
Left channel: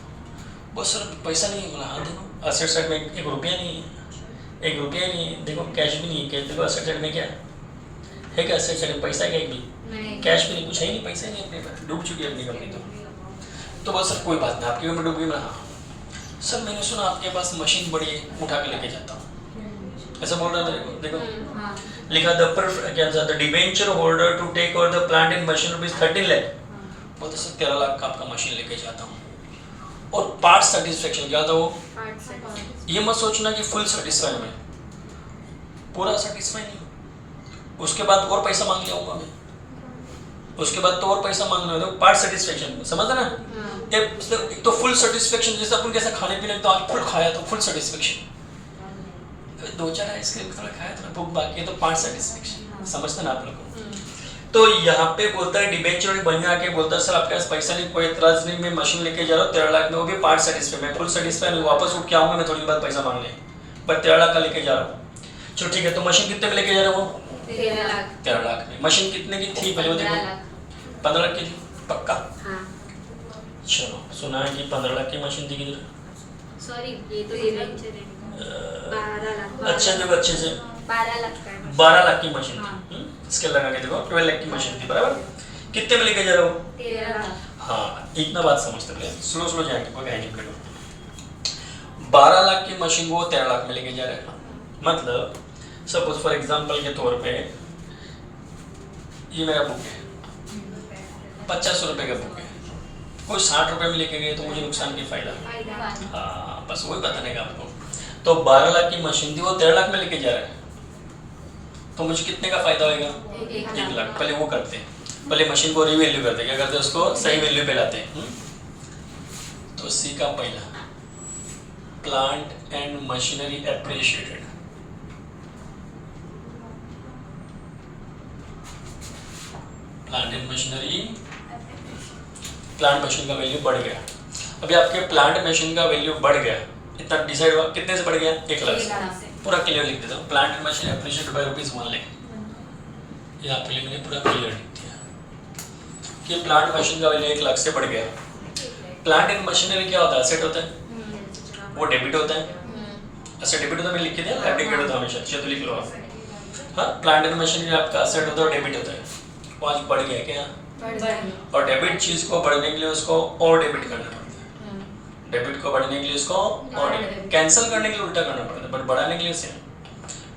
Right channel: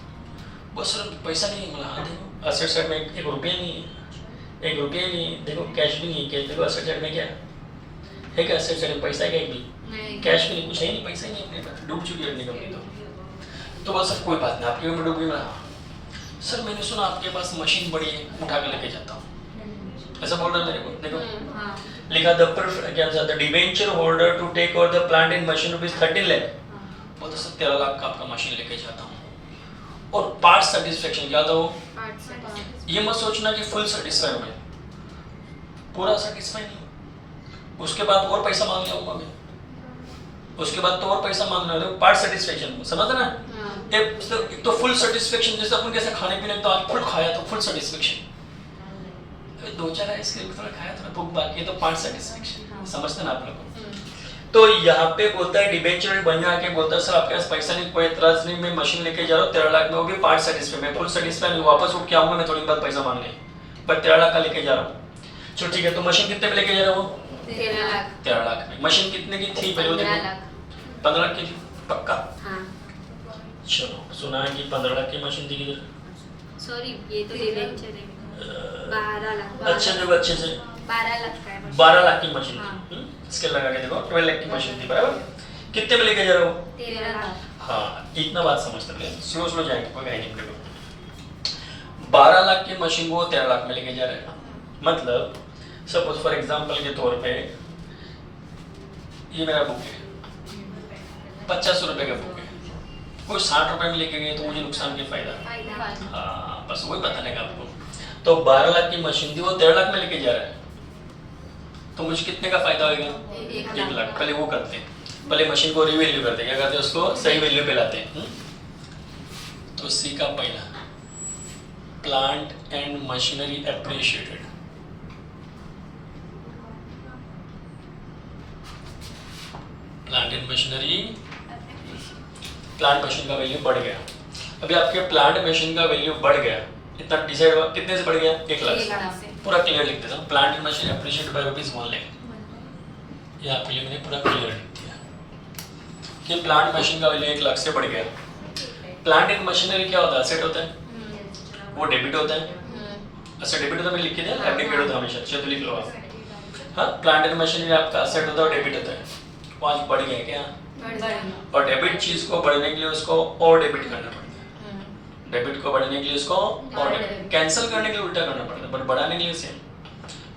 बस सर पैसा नहीं है। मतलब हाँ देखो असेट साइड में 1 रुपया नहीं है, 1 रुपया नहीं है, देखो कैश भी नहीं है, कैश देखो असेट साइड में क्या है, क्या असेट साइड में पैसा है क्या, एक भी नहीं, कैश भी नहीं, कुछ है ही नहीं, पैसा ही नहीं अपने पास, डूब चुकी है अपनी कंपनी तो बस सर कोई बात नहीं, आपकी भी मैं डूब गई। मैं सर मैंने सुना आपके पास मशीन बड़ी है, उठा के लेके जाता हूँ, ऐसा बोल रहा मेरे को। देखो हाँ, लिखा क्या था, the debenture holder to take over the plant in machine ₹13 lakh, बोलते सर 13 लाख का आपका मशीन लेके जाता हूँ। और पार्ट सेटिस्फेक्शन क्या था वो, 8 से 5। ये मत सोचना कि फुल सेटिस्फाई में, पूरा सेटिस्फाई नहीं, उसके बाद और पैसा मांग लिया होगा मैं, उसके बाद तो और पैसा मांगना है, पार्ट सेटिस्फेक्शन, समझ ना। एक तो फुल सेटिस्फेक्शन, जैसे अपन कैसे खाने पीने तो आज फुल खाया तो फुल सेटिस्फेक्शन, 2-4 आइसक्रीम थोड़ा खाया थोड़ा भूख बाकी है तो पार्ट सेटिस्फेक्शन, समझते ना आप लोग को। तो यहाँ पे बोलता है डिबेंचर बन आके बोलता है सर आपके पास पैसा नहीं, कोई एतराज नहीं, मैं मशीन लेके जा रहा हूँ 13 लाख में, वो भी पार्ट सेटिस्फाई, मैं फुल सेटिस्फाई नहीं, वापस उठ के आऊंगा मैं थोड़ी बाद पैसा मांगने, पर 13 लाख का लेके जा रहा हूँ। चलो ठीक है, तो मशीन कितने में लेके जा रहा हूँ, 13 लाख। 13 लाख में। मशीन कितने की थी पहले, 15 लाख। 15 लाख की थी, पक्का? हाँ चलो, सुना है कि 15 लाख की मशीन थी किधर? सॉरी ये तो डिबेंचर है 12 लाख अच्छा देखो अच्छे से 12 लाख का है 12 लाख की मशीन हाँ। थी। इसके लगा के देखो 12 लाख की मशीन थी, बराबर? कितने में लेके जा रहे हो? 13 लाख हाँ, इतना बात समझते हैं, स्लो स्लो जाएंगे, कोई है नहीं अपने को। 12 लाख की मशीन को 13 लाख में लेके जा रहे हैं, मतलब सपोज फॉर एग्जांपल के तौर पे ये मेरा बुक है, 50 रुपए का बुक है, कोई 60 रुपए में लेके गए तो मुझे नुकसान की फायदा? फायदा हाँ, बस वही बताने का आपको। तो 12 लाख की मशीन थी, वो 13 लाख में लेके जा रहा है, तो मुझे कितने का फायदा होगा? 1 लाख। पहले वो करते हैं, पहले मशीन को रिवैल्यू करते हैं, क्या करते हैं? उसको सही वैल्यू पे लाते हैं। तो सी का पहला, plant and machinery appreciated, plant and machinery, plant machine का वैल्यू बढ़ गया। अभी आपके प्लांट मशीन का वैल्यू बढ़ गया, इतना डिसाइड हुआ कितने से बढ़ गया? 1 लाख से। पूरा क्लियर लिख देता हूँ, plant and machine appreciated by ₹1 lakh. ये आपके लिए मैंने पूरा क्लियर लिख दिया कि प्लांट मशीन का वैल्यू 1 लाख से बढ़ गया। प्लांट एंड मशीनरी क्या होता है? एसेट होता है, वो डेबिट होता है। अच्छा, डेबिट होता है, मैंने लिख के दिया, एब्डिकेट होता है हमेशा, अच्छे तो लिख लो आप। हाँ, प्लांट एंड मशीनरी आपका एसेट होता है और डेबिट होता है। वो आज बढ़ गया क्या? और डेबिट चीज को बढ़ने के लिए उसको और डेबिट करना पड़ता है, डेबिट को बढ़ने के लिए उसको और कैंसिल करने के लिए उल्टा करना पड़ता है, बट बढ़ाने के लिए सेम।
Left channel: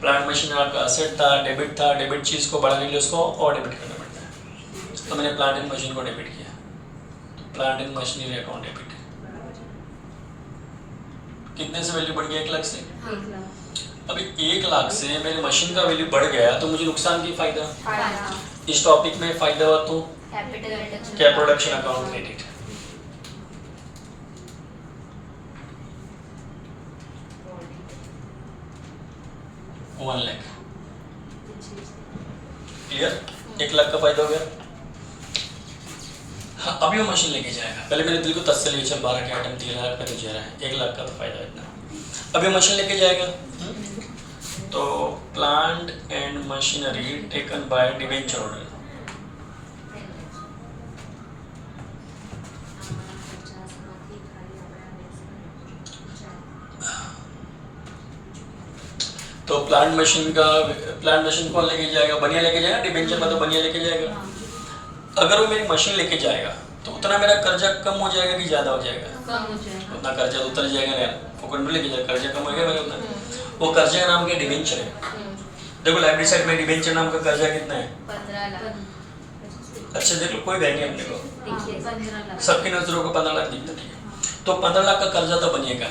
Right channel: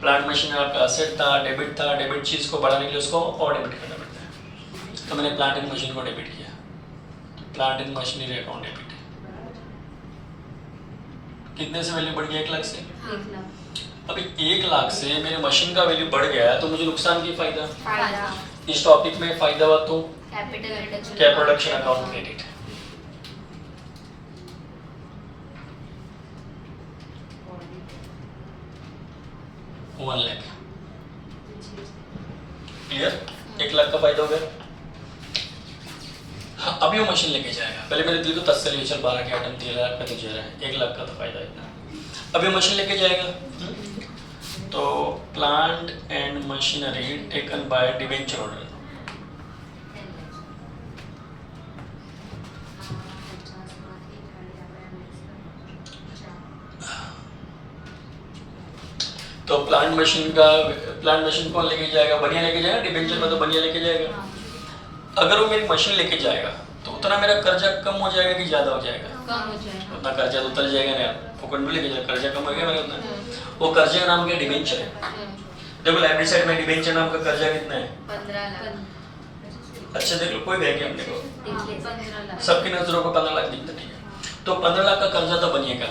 प्लांट मशीन में आपका एसेट था, डेबिट चीज को बढ़ाने के लिए उसको और डेबिट करना पड़ता है। तो मैंने प्लांट एंड मशीन को डेबिट किया, तो plant and machinery account debit. कितने से वैल्यू बढ़ गया? 1 लाख से। 1 लाख अभी 1 लाख से मेरे मशीन का वैल्यू बढ़ गया, तो मुझे नुकसान की फायदा? फायदा इस टॉपिक में फायदा हुआ तो क्या? Production account credit. One lakh clear? 1 lakh का फायदा हो गया। हाँ, अभी वो मशीन लेके जाएगा, पहले मेरे दिल को तसल्ली, चल 12 के आइटम 13 लाख में तो जा रहा है, 1 लाख का तो फायदा इतना। अभी वो मशीन लेके जाएगा, तो plant and machinery taken by debenture order, तो प्लांट मशीन कौन लेके जाएगा? बनिया लेके जाएगा, डिवेंचर में तो बनिया लेके जाएगा। अगर वो मेरी मशीन लेके जाएगा तो उतना मेरा कर्जा कम हो जाएगा कि ज्यादा हो जाएगा? कम हो जाएगा। उतना कर्जा तो उतर जाएगा ना यार, फुकट में लेके जाएगा, कर्जा कम हो गया मेरा उतना। वो कर्जे का नाम क्या? डिवेंचर है। देखो लाइब्रेरी साइड में डिवेंचर नाम का कर्जा कितना है? 15 लाख। अच्छा देख लो, कोई गए नहीं अपने को, 15 लाख। सबकी नजरों को 15 लाख दिखता नहीं है। तो 15 लाख का कर्जा तो बनिएगा,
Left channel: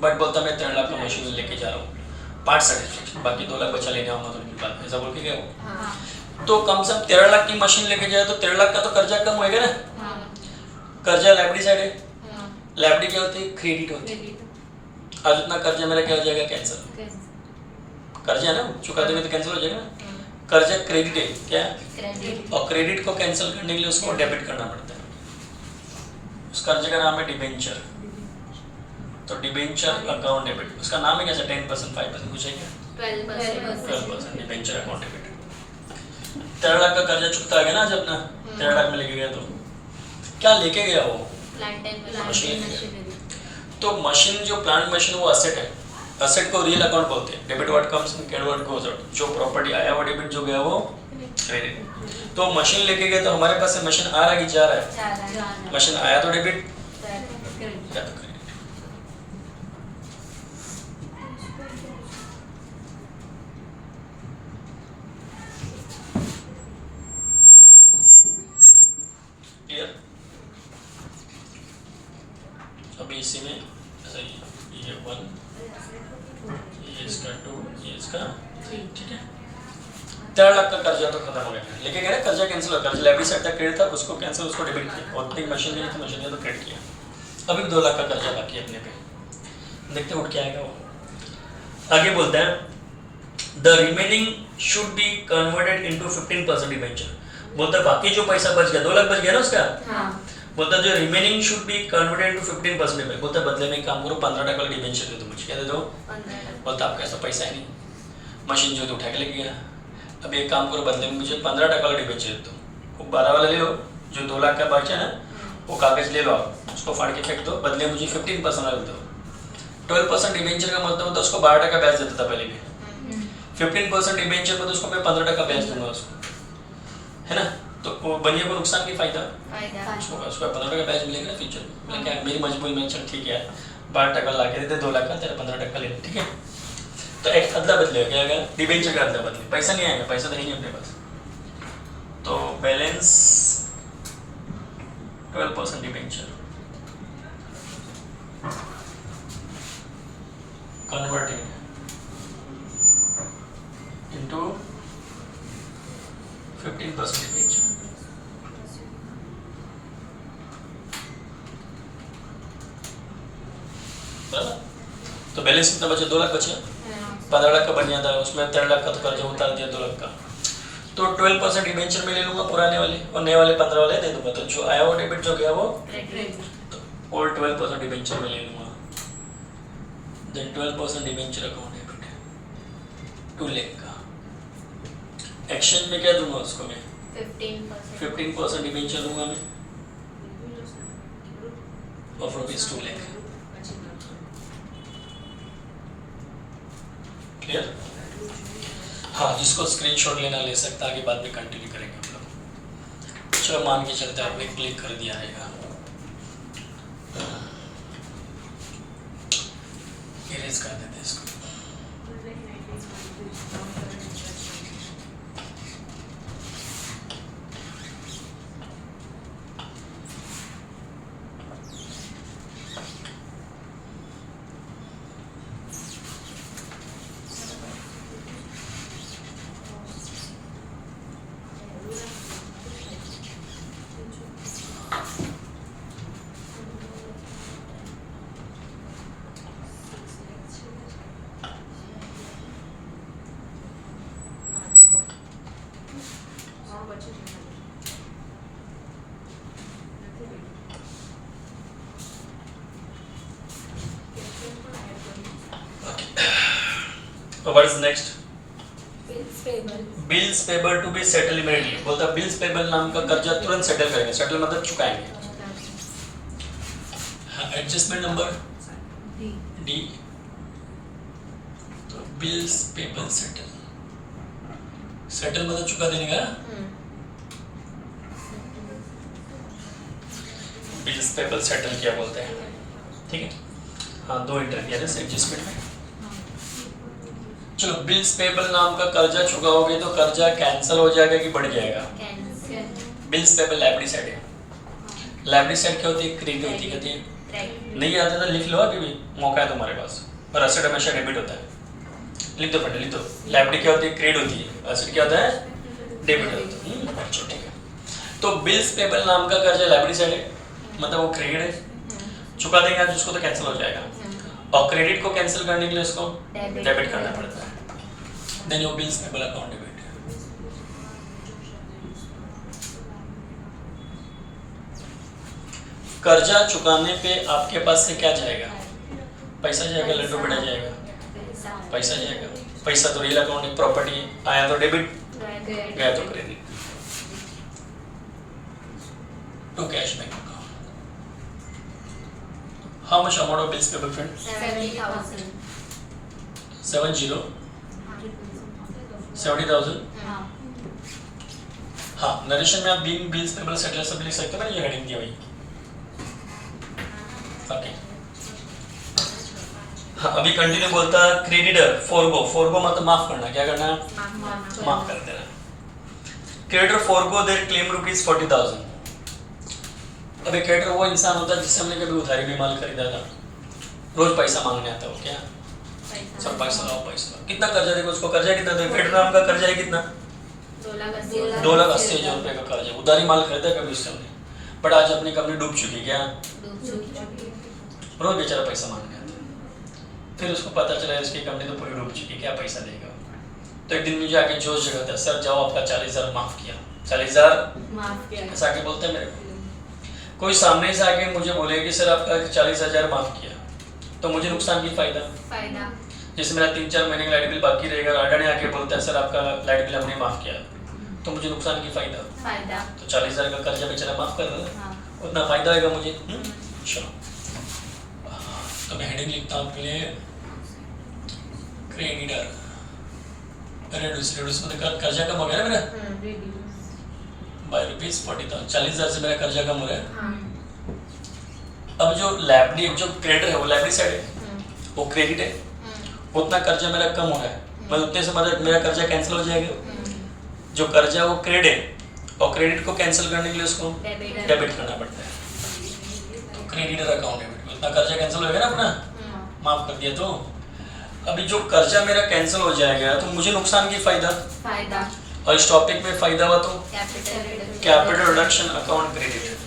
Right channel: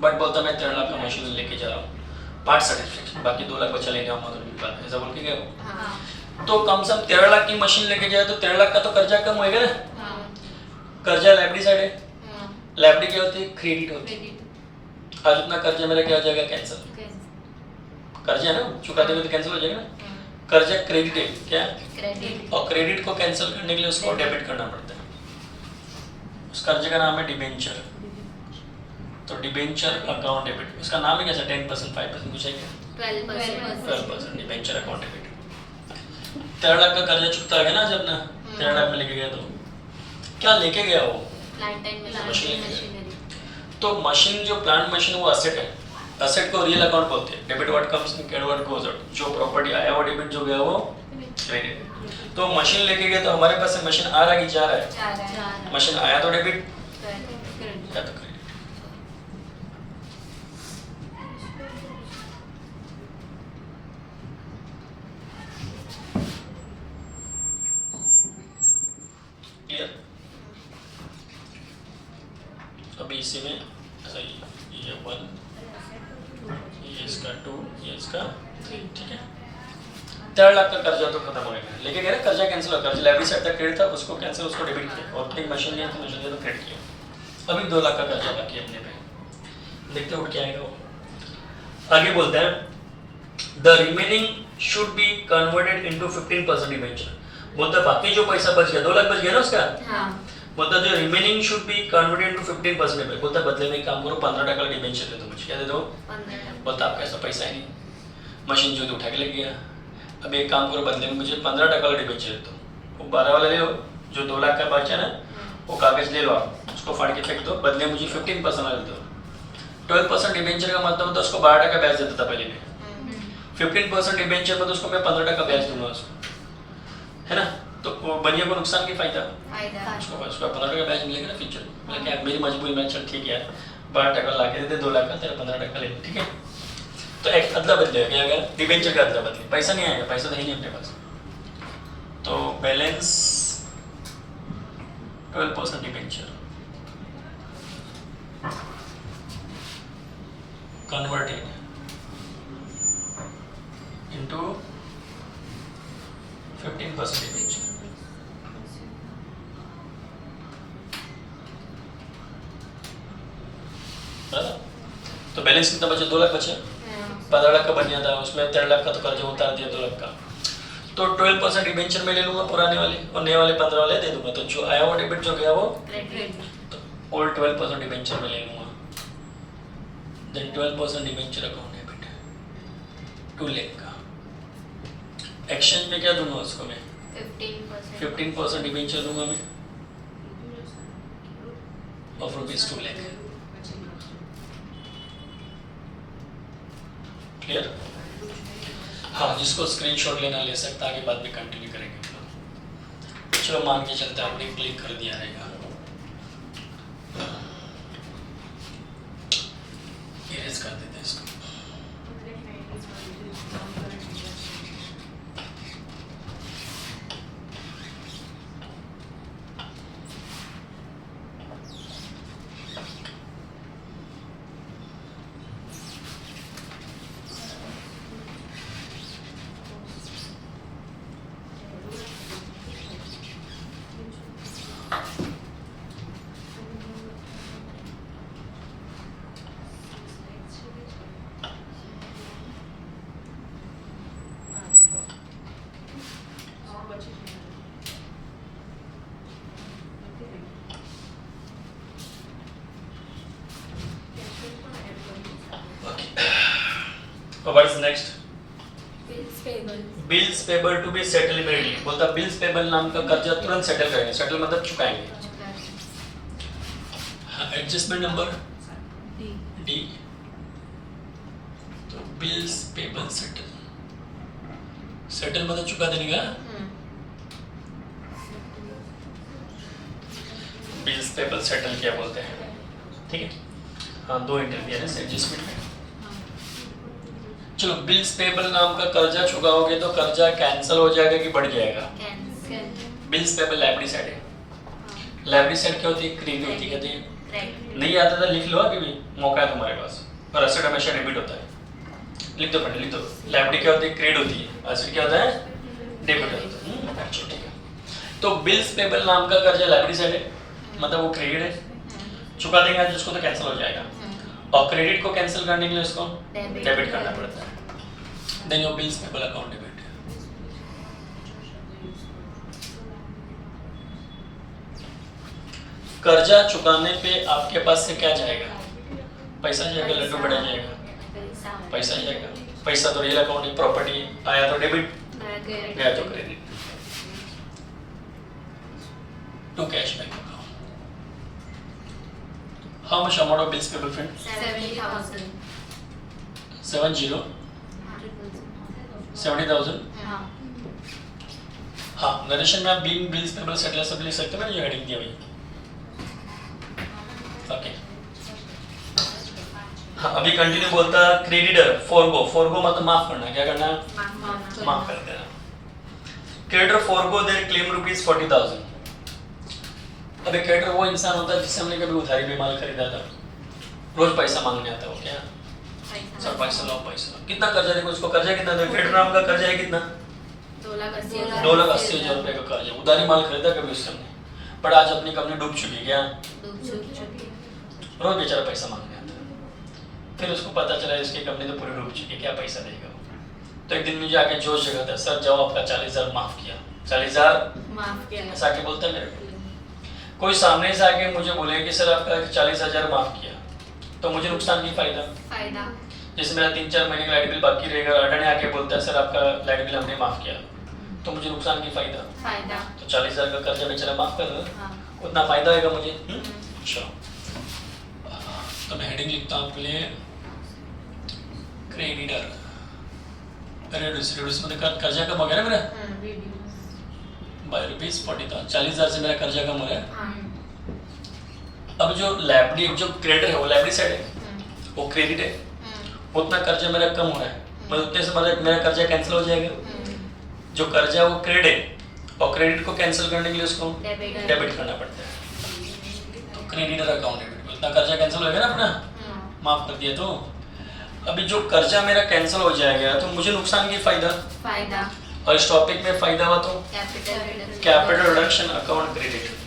बट बोलता मैं 13 लाख का मशीन लेके जा रहा हूँ, पार्ट सर्टिफिकेट, बाकी 2 लाख बचा लेने आऊंगा तो नहीं बात, ऐसा बोल के गया वो। हाँ। तो कम से कम 13 लाख की मशीन लेके जाए तो 13 लाख का तो कर्जा कम होएगा ना। हाँ। कर्जा लाइब्रेरी साइड है, हाँ। लाइब्रेरी क्या होती है? क्रेडिट होती है। क्रेडिट। और इतना कर्जा मेरा क्या हो जाएगा? कैंसिल। कैसे? कर्जा है ना, चुका देंगे तो कैंसिल हो जाएगा ना। हाँ। कर्जा क्रेडिट है क्या? क्रेडिट। और क्रेडिट को कैंसिल करने के लिए उसको डेबिट करना पड़ता है। उस कर्जे का नाम है डिबेंचर। तो डिबेंचर अकाउंट डेबिट, उसका नाम है कैसा? 10%, 5% कुछ है क्या? 12% डिबेंचर अकाउंट डेबिट। 13 लाख का कर्जा चुकता है ना जब ना, 13 लाख में लेके गया तो क्या लेके गया वो? Plant and machine. मशीनरी। तो मशीन जो प्लांट मशीन वो असेट है, असेट को रियल अकाउंट बोलते हैं। Debit what comes in, credit what goes out. जो प्रॉपर्टी आया वो डेबिट, जो गया वो क्रेडिट। तो मशीन लेके गए तो हमारे पास से मशीन आ रहा है कि जा रहा है? 4 मशीन आया तो डेबिट, क्रेडिट। या तो क्रेडिट। क्लियर? अभी इसी में ऐसा ये 1, ये इसका 2, ये इसका 3, ठीक है। 13 लाख का कर्जा तो खत्म हो गया, लेकिन ना कर्जा कैंसिल हुआ। कर्जा लाइब्रेरी साइड तक क्रेडिट था, उसको कैंसिल, उसको डेबिट किया, और एक मशीन ली तो मशीन तो क्रेडिट किया। अभी 2 लाख का कर्जा बाकी है अपने पे, देखते उठ के आएगा वो। आगे बोलता है the remaining should be converted into 15% debenture. बोलता है बाकी जो पैसा बच गया, 2 लाख बच गया ना उसका, हाँ। बोलता है जो remaining should be converted into 15%। बोलता है बदले में एक काम करो, 15% का डिबेंचर दे दो मुझे। क्या दे दो? 15 लाख। बोलता आपका ऐसा पैसा है नहीं, मशीन जो तो उठा के लग गया। अब एक काम करो, बदले में मुझे 15% का डिबेंचर दे दो, वो 12 वाला ले लो, जो 2 लाख का बचा ना वो कागज ले लो आप, उसको फाड़ के फेंक दो, बदले मुझे 15% वाले दो। 12% डिबेंचर का मतलब होता है उसको 12 ब्याज देता था पहले मैं, 15% डिबेंचर में तो उसको मैं 15 ब्याज दूंगा उसको, है ना। तो वो बनिया को नुकसान की फायदा, फायदा उसको 15 ब्याज मिलेगा ना फ्यूचर में। मतलब क्या मेरी मजबूरी में, चल ठीक है 12 ला के दे 2 लाख का, तेरा 15 ले, ठीक है। तो एक अदला बदले क्या अगर डिबेंचर का अदला बदले, पैसा नहीं आएगा, पैसा तो है नहीं अपने पास। तो balance 12% debenture converted into 15% debenture. तो बैलेंस कितना बचे? 2 लाख बचे। 15 लाख का बढ़िया था, उसमें 13 लाख का तो कर्जा उतार दिया 2 लाख का। तो 12% डिबेंचर में ले लूंगा पुराने वाले, और नए वाले 15 वाले दे दूंगा। तो जो आया वो डेबिट, जो गया वो क्रेडिट। ओल्ड 12% डिबेंचर में ले लूंगा। Then 12% debenture account debit 2 lakh का। एक्सचेंज में क्या दूंगा उसको मैं? 15% डिबेंचर दूंगा मैं ऑफ रुपीज 2 लाख। क्लियर? हाँ, जिसको स्क्रीनशॉट लेना ले सकता, आगे बाद में कंटिन्यू करेंगे हम लोग। चलो मान के चलते आपने क्लिक कर दिया रहेगा, इरेज कर देते हैं इसको। What is next? Bills payable to be settled immediately। बोलता बिल्स पेबल नाम का कर्जा तुरंत सेटल करेंगे। सेटल मतलब चुकाएंगे। Adjustment number D. तो बिल्स पेबल सेटल, सेटल मतलब चुका देने का। बिल्स पेबल सेटल क्या बोलते हैं, ठीक है। हाँ, 2 इंटरफियरेंस एडजस्टमेंट है। चलो, बिल्स पेबल नाम का कर्जा चुकाओगे तो कर्जा कैंसिल हो जाएगा कि बढ़ जाएगा? बिल्स पेबल लाइब्रेरी साइड है। लाइब्रेरी साइड क्या होती है? क्रेडिट होती है, कहती है। नहीं आता तो लिख लो, अभी भी मौका है तुम्हारे पास। और एसेट हमेशा डेबिट होता है। लिख दो फ्रेंड, लिख दो। लाइब्रेरी क्या होती है? क्रेडिट होती है। एसेट क्या होता है? डेबिट होता है। अच्छा, ठीक है। तो बिल्स पेबल नाम का कर्जा लाइब्रेरी साइड है, मतलब वो क्रेडिट है, चुका देंगे आज उसको तो कैंसिल हो जाएगा। और क्रेडिट को कैंसिल करने के लिए उसको डेबिट करना पड़ता है। Then your bills payable account debit. कर्जा चुकाने पे आपके पास से क्या जाएगा? पैसा जाएगा, लड्डू बढ़ा जाएगा, पैसा जाएगा। पैसा तो रियल अकाउंट है, प्रॉपर्टी आया तो डेबिट, गया तो credit. To cash bank account. How much amount of bills payable friend? 70,000। हाँ, नरेशन में आप बीइंग बिल्स पेबल सेटल सब लिख सकते हो ना, ये हेडिंग दिया भाई। ओके, हाँ, अभी कंटिन्यू बोलता है क्रेडिटर फोरगो। फोरगो मतलब माफ करना। क्या करना? माफ कर देना। Creditor forgo there claim rupees 40,000। अबे क्रेडिटर वो इंसान होता है जिससे हमने कभी उधारी में माल खरीदा था, रोज पैसा मांगने आता हो। क्या सर पैसा लाओ, पैसा लाओ। कितना कर्जा देखो उसको, कर्जा कितना दे? क्रेडिटर नाम का कर्जा है कितना? 2,80,000 रुपए का कर्जा। उधारी माल खरीदा कभी उससे हमने, बट आज अपनी कंपनी डूब चुकी। क्या रोज बेचारा पैसा मांगने आता है। फिर उसको पता चला इसकी कंपनी तो पूरी डूब चुकी है, क्या पैसा देगा। तो एक दिन मुझे आके जोश जगाता है, सर जाओ आपका 40,000 माफ किया। 40,000 ऐसा आके बोलता है मेरे को। कोई सामने से आके मुझे बोले कि सर आपका 40,000 माफ किया, तो मुझे नुकसान की फायदा। जैसे मेरा 3-4 महीने का लाइट बिल बाकी रहेगा, अडानी आके बोलता है सर आपका लाइट बिल हमने माफ किया, तो मुझे नुकसान की फायदा। फायदा। तो 40,000 का कर्जा बेचारा माफ कर दो, हाँ। उतना फायदा होगा मुझे। चलो तो मैं हेडिंग लिखता हूँ आपके लिए, क्रेडिटर रेड्यूस। रेड्यूस मतलब कर्जा कम हो गया ना मेरा बाय ₹40,000। 40,000 से मेरा कर्जा कम हो रहा है। अब जो लाइबिलिटी, जो क्रेडिटर है वो लाइबिलिटी साइड है, वो क्रेडिट है, उतना कर्जा मेरा कम हो रहा है, मतलब उतने से मतलब मेरा कर्जा कैंसिल हो जाएगा। जो कर्जा वो क्रेडिट है, और क्रेडिट को कैंसिल करने के लिए उसको डेबिट करना पड़ता है। तो क्रेडिटर अकाउंट डेबिट, उतना कर्जा कैंसिल हो जाएगा ना अपना, माफ कर दिया। तो अभी जो कर्जा मेरा कैंसिल हो जाएगा तो मुझे नुकसान की फायदा, फायदा। और इस टॉपिक में फायदा हुआ तो capital capital reduction account credit.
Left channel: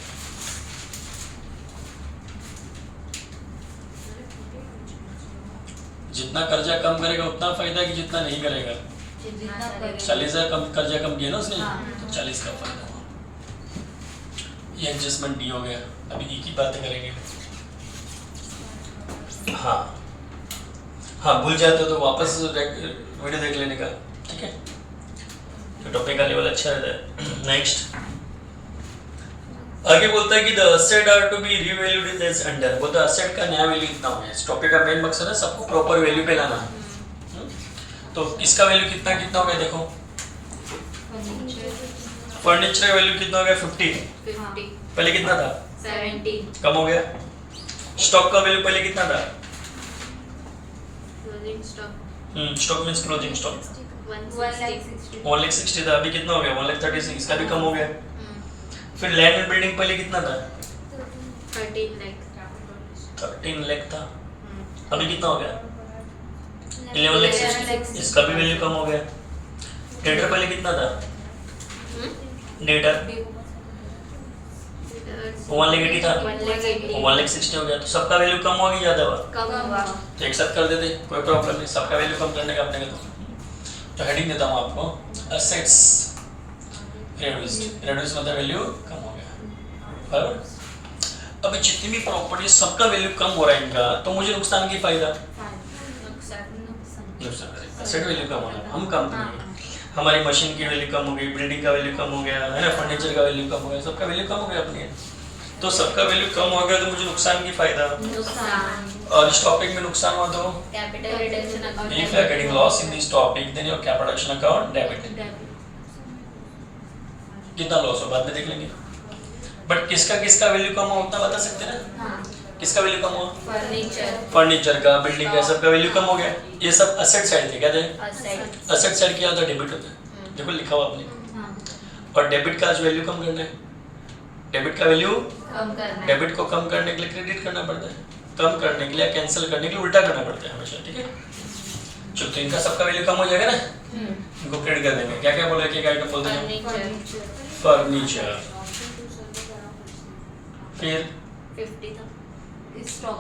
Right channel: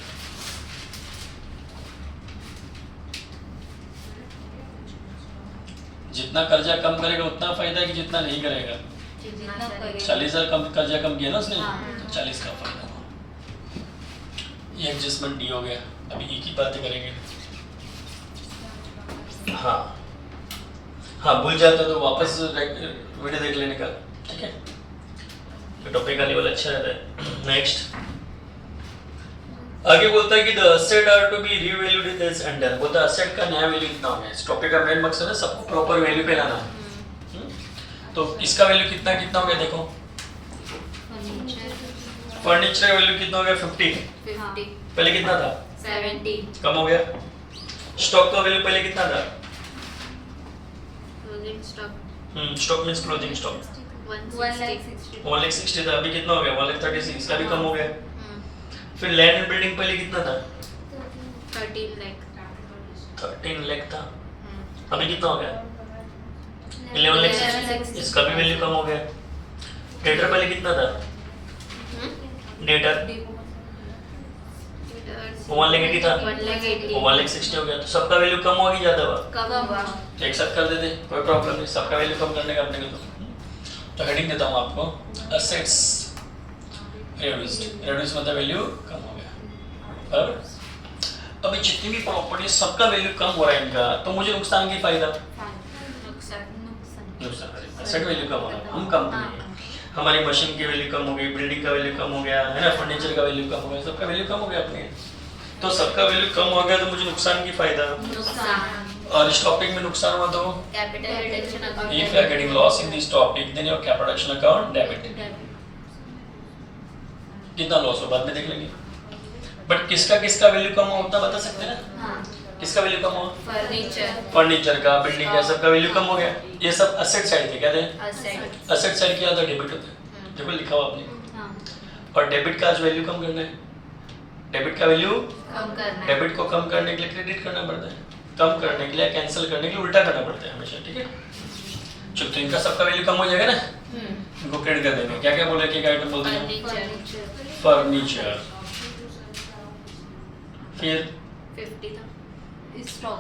जितना कर्जा कम करेगा उतना फायदा है कि जितना नहीं करेगा। 40,000 कम कर्जा कम किया ना उसने, तो 40 का फायदा हुआ। ये एडजस्टमेंट डी हो गया। अभी एक ही बातें करेंगे। हाँ हाँ, भूल जाते तो वापस वीडियो देख लेने का, ठीक है। तो टॉपिक का लेवल अच्छा रहता है। नेक्स्ट आगे बोलता है कि the asset are to be revalued in this under. बोलता है असेट का नया वैल्यू कितना होगा। इस टॉपिक का मेन मकसद है सबको प्रॉपर वैल्यू पे लाना। तो इसका वैल्यू कितना कितना हो गया देखो। फर्नीचर का वैल्यू कितना हो गया 50। पहले कितना था 70। कम हो गया। स्टॉक का वैल्यू पहले कितना था, स्टॉक मींस क्लोजिंग स्टॉक 1,60,000 था, अभी कितना हो गया 1,36,000, इसका भी कम हो गया। फिर लैंड एंड बिल्डिंग पहले कितना था 13 लाख था, अभी कितना हो गया 11,60,000, इसका भी वैल्यू कम हो गया। डेटर पहले कितना था, डेटर 1,80,000 था, 1,60,000 हो गया। तो सबका वैल्यू कम हो गया, ज्यादा हुआ तो एक साथ कर देते, कोई प्रॉब्लम नहीं। सबका वैल्यू कम करने का अपने को तो हेडिंग देता हूँ आपको, असेट्स रेड्यूस्ड। रेड्यूस मतलब वैल्यू कम हो गया, बराबर। अभी जितनी भी प्रॉपर्टी सबका वैल्यू कम हो रहा है इनका, तो मुझे नुकसान की फायदा, नुकसान असेट वैल्यू कम हो रहा है। हम कंपनी है, हमारी मशीन की वैल्यू कम हो गई, बिल्डिंग का वैल्यू कम हो गया है ना, फर्नीचर का वैल्यू कम हो गया, सबका वैल्यू कम हो गया अपने। तो सबका वैल्यू कम हो गया तो मुझे नुकसान की फायदा। और इस टॉपिक में नुकसान हुआ तो capital reduction account. if you are getting loss in this topic then your capital reduction account debit। कितना लॉस हो बाद में देख लेंगे। बट किसका वैल्यू कम हो उतना बता सकते हैं ना। किसका वैल्यू कम हो, फर्नीचर का, बिल्डिंग का, सबका वैल्यू कम हो गया। ये सब असेट साइड थे, क्या थे असेट साइड, क्या होता है डेबिट होता है, देखो लिखा हुआ आपने। और डेबिट का जो वैल्यू कम करना है, डेबिट का वैल्यू कम करना है, डेबिट को कम करने के लिए क्रेडिट करना पड़ता है, कम करने के लिए कैंसिल करने के लिए उल्टा करना पड़ता है हमेशा, ठीक है। चलो तो इनका सबका वैल्यू कम हो जाएगा ना, इनको क्रेडिट कर देंगे। क्या क्या बोले, क्या आइटम बोलते हैं, फर्नीचर, फिर 50 स्टॉक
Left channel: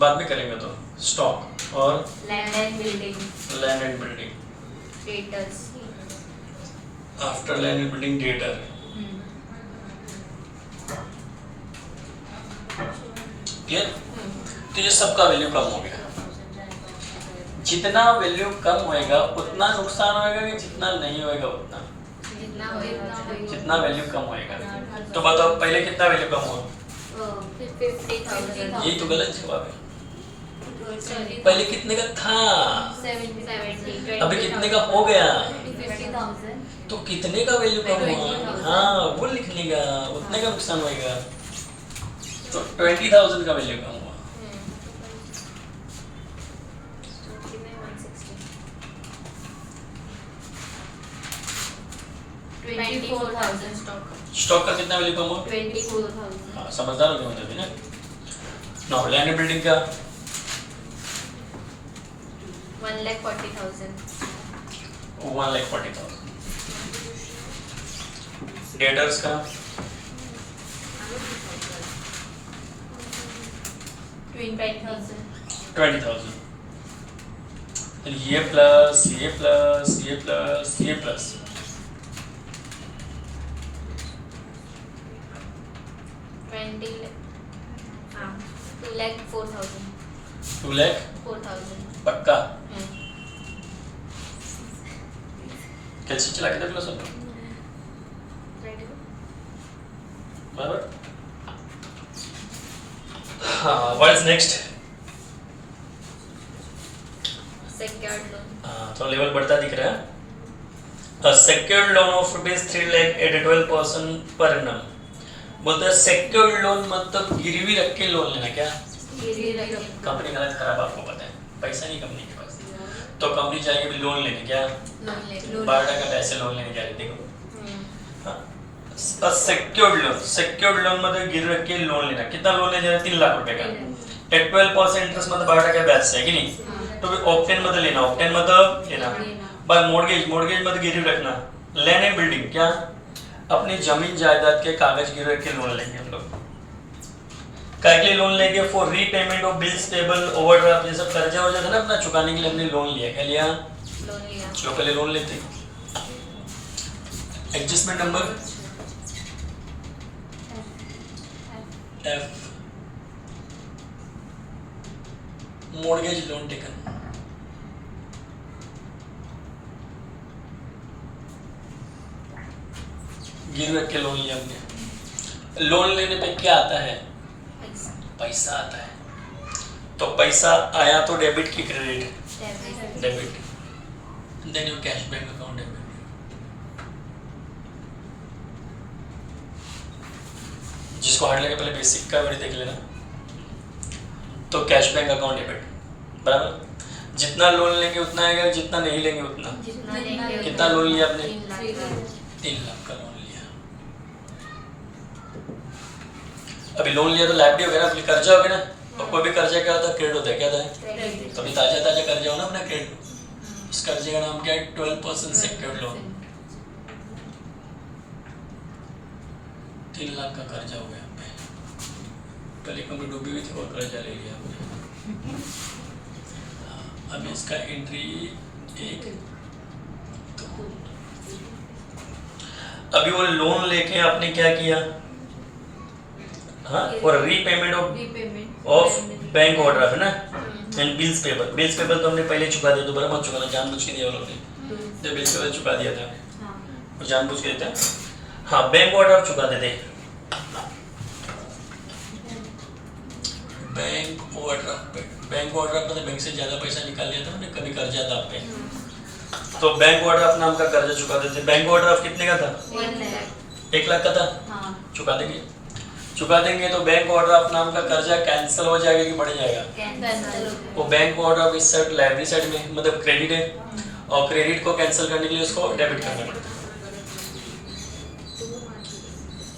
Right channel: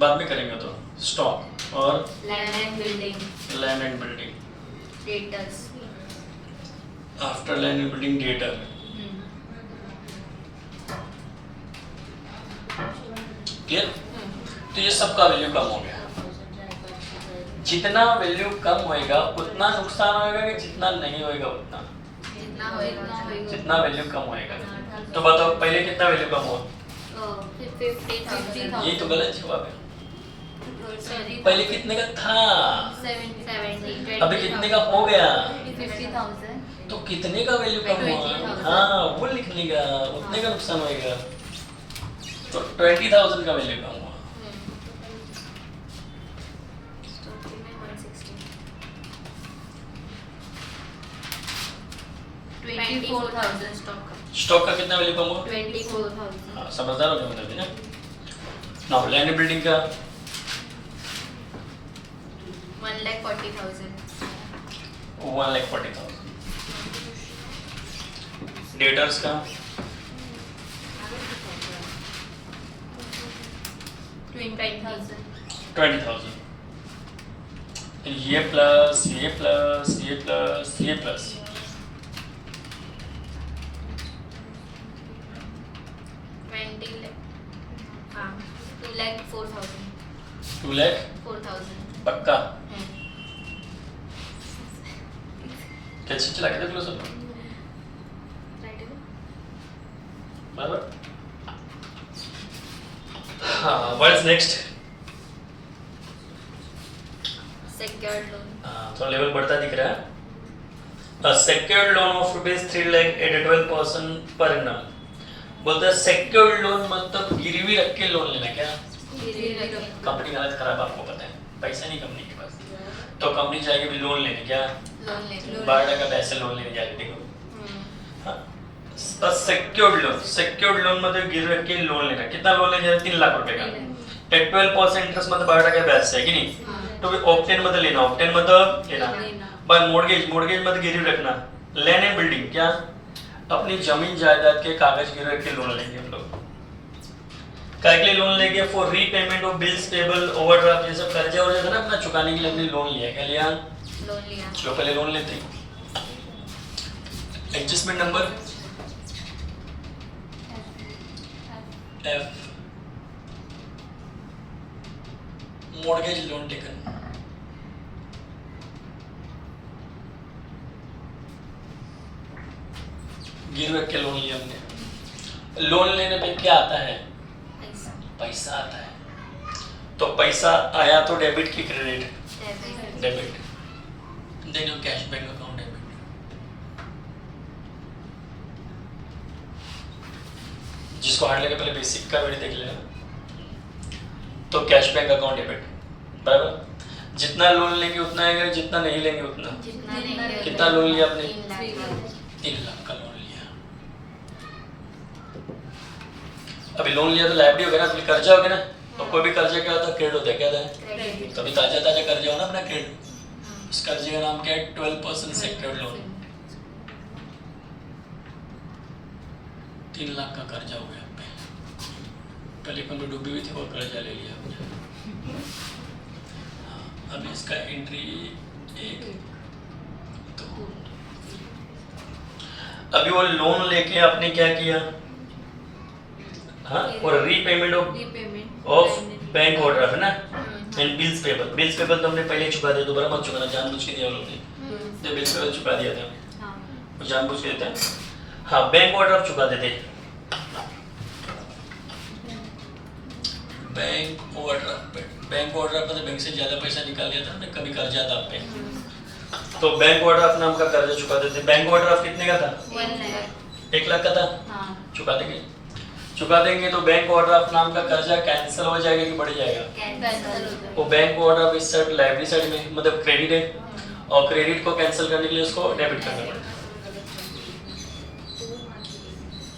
बाद में करेंगे तो स्टॉक और land and building land and building, debtors after land and building debtor. Clear. तो ये सबका वैल्यू कम हो गया। जितना वैल्यू कम होएगा उतना नुकसान होएगा कि जितना नहीं होएगा उतना, जितना वैल्यू कम होएगा। तो बताओ पहले कितना वैल्यू कम हुआ, 50,000। यही तो गलत जवाब है। पहले कितने का था, 70 अभी कितने का हो गया, 50,000। तो कितने का वैल्यू कम हुआ, हाँ वो लिखने का, उतने का नुकसान होएगा। तो 20,000 का वैल्यू कम हुआ। 24,000 स्टॉक का कितना वैल्यू कम हुआ, 24,000। हाँ समझदार हो गए मतलब ना। नाउ लैंड एंड बिल्डिंग का 1,40,000। 1,40,000। डेटर्स का 20,000। 20,000। ये प्लस ये प्लस ये प्लस ये प्लस 2,04,000। 2,04,000 पक्का। कैसे चला के देख लो सब। बराबर। हाँ, what is next? Secured loan. तो लेवल बढ़ता दिख रहा है। A secured loan of ₹3 lakh at 12% per annum। बोलता है secured loan मतलब गिरवी रख के लोन लेना। क्या गिरवी रख के। कंपनी का हालत खराब आपको पता है, पैसा नहीं कंपनी के पास, तो कंपनी जाएगी भी लोन लेने। क्या लोन ले 12% पैसे लोन लेने जा रही। देखो सेक्योर्ड लोन, सेक्योर्ड लोन मतलब गिर रख के लोन लेना। कितना लोन ले जा रहे हैं? 3 लाख रुपए का। एट 12% इंटरेस्ट मतलब 12% ब्याज से है कि नहीं? तो फिर ऑप्टेन मतलब लेना, ऑप्टेन मतलब लेना। पर मोर्गेज, मोर्गेज मतलब गिरवी रखना। लैंड एंड बिल्डिंग, क्या अपनी जमीन जायदाद के कागज गिरवी रख के लोन लेंगे हम लोग। क्या के लिए लोन लेंगे? For repayment of bills payable, overdraft, ये सब कर्जा वर्जा था ना अपना चुकाने के लिए हमने लोन लिया। क्या लिया? लोन लिया। जो पहले लोन लेते। Adjustment number F, mortgage loan taken। गिरवी रख के लोन लिया हमने। लोन लेने पे क्या आता है? पैसा आता है। तो पैसा आया तो डेबिट की credit? Debit. Then your cash bank account debit. जिसको हार्ड लगे पहले बेसिक का वही देख लेना। तो कैश बैंक अकाउंट डेबिट, बराबर। जितना लोन लेंगे उतना आएगा, जितना नहीं लेंगे उतना। कितना लोन लिया आपने? 3 लाख का लोन लिया। अभी लोन लिया तो लाइबिलिटी हो गया ना, अभी कर्जा हो गया ना। और कोई भी कर्जा क्या होता है? क्रेडिट होता है। क्या होता है? तो अभी ताजा ताजा कर्जा हो ना अपना क्रेडिट। इस कर्जे का नाम क्या है? 12% सेक्योर्ड लोन। 3 लाख का कर्जा हो गया पे। पहले कंपनी डूबी हुई थी और कर्जा ले लिया हमने। अभी इसका एंट्री 1 2। अभी वो लोन लेके आपने क्या किया? हाँ, और रीपेमेंट ऑफ बैंक ऑर्डर है ना, and bills payable. Bills payable तो हमने पहले चुका दिया, दोबारा मत चुकाना, जानबूझ के दिया लोग ने। तो बिल्स पेबल चुका दिया था, जानबूझ के देता। हाँ, बैंक ऑर्डर चुका देते। बैंक ओवरड्राफ्ट, बैंक ओवरड्राफ्ट मतलब बैंक से ज्यादा पैसा निकाल लिया था हमने, कभी कर्जा था आप पे, तो बैंक ओवरड्राफ्ट नाम का कर्जा चुका देते। बैंक ओवरड्राफ्ट कितने का था? 1 लाख का था। चुका देंगे, चुका देंगे तो बैंक ओवरड्राफ्ट नाम का कर्जा कैंसिल हो जाएगा कि बढ़ जाएगा? वो बैंक ओवरड्राफ्ट इस साइड लाइबिलिटी साइड में मतलब क्रेडिट है, और क्रेडिट को कैंसिल करने के लिए उसको डेबिट करना पड़ता है।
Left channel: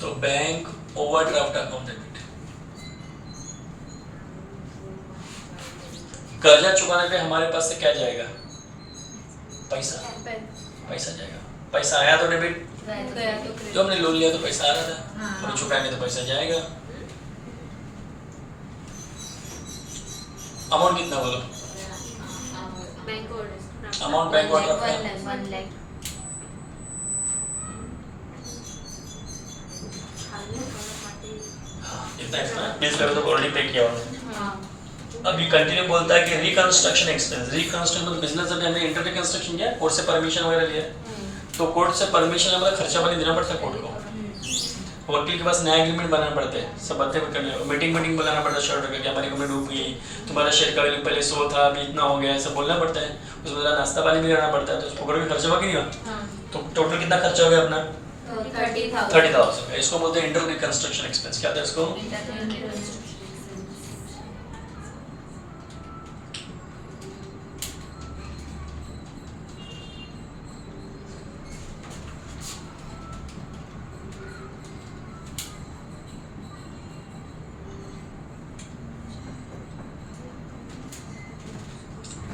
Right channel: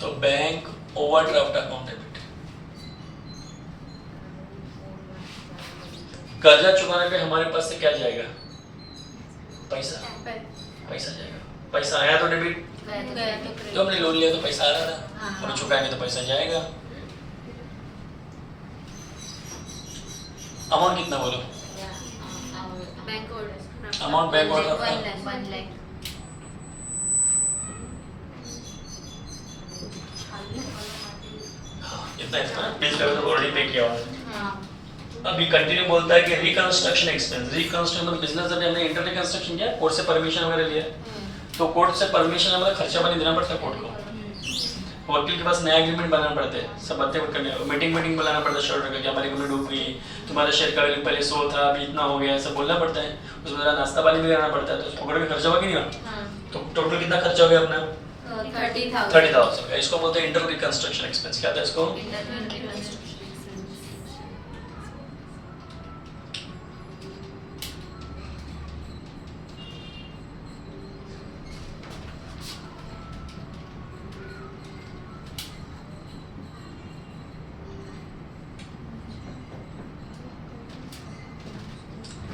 तो बैंक ओवरड्राफ्ट अकाउंट डेबिट। कर्जा चुकाने पे हमारे पास से क्या जाएगा? पैसा, पैसा जाएगा। पैसा आया तो डेबिट, तो हमने लोन लिया तो पैसा आ रहा था, अब चुकाएंगे तो पैसा जाएगा। अमाउंट कितना बोलो? Amount bank order 1 lakh. इतना इतना बिल कर दो, ऑलरेडी पे किया हुआ। अभी कंटिन्यू बोलता है कि रिकंस्ट्रक्शन एक्सपेंस। रिकंस्ट्रक्शन मतलब बिजनेस अभी हमने इंटर रिकंस्ट्रक्शन किया, कोर्ट से परमिशन वगैरह लिया, तो कोर्ट से परमिशन मतलब खर्चा पानी देना पड़ता है कोर्ट को। वकील के पास नया एग्रीमेंट बनाना पड़ता है, सब बातें करने, मीटिंग बुलाना पड़ता है, शॉर्ट करके हमारी कंपनी डूब गई, तुम्हारा शेयर का वैल्यू पहले 100 था अभी इतना हो गया, सब बोलना पड़ता है। उसमें नाश्ता पानी भी करना पड़ता है, तो पकड़ में खर्चा हुआ कि नहीं हुआ? तो टोटल कितना खर्चा हो गया अपना? 30,000। इसको बोलते हैं इंटर रिकंस्ट्रक्शन एक्सपेंस। क्या था इसको?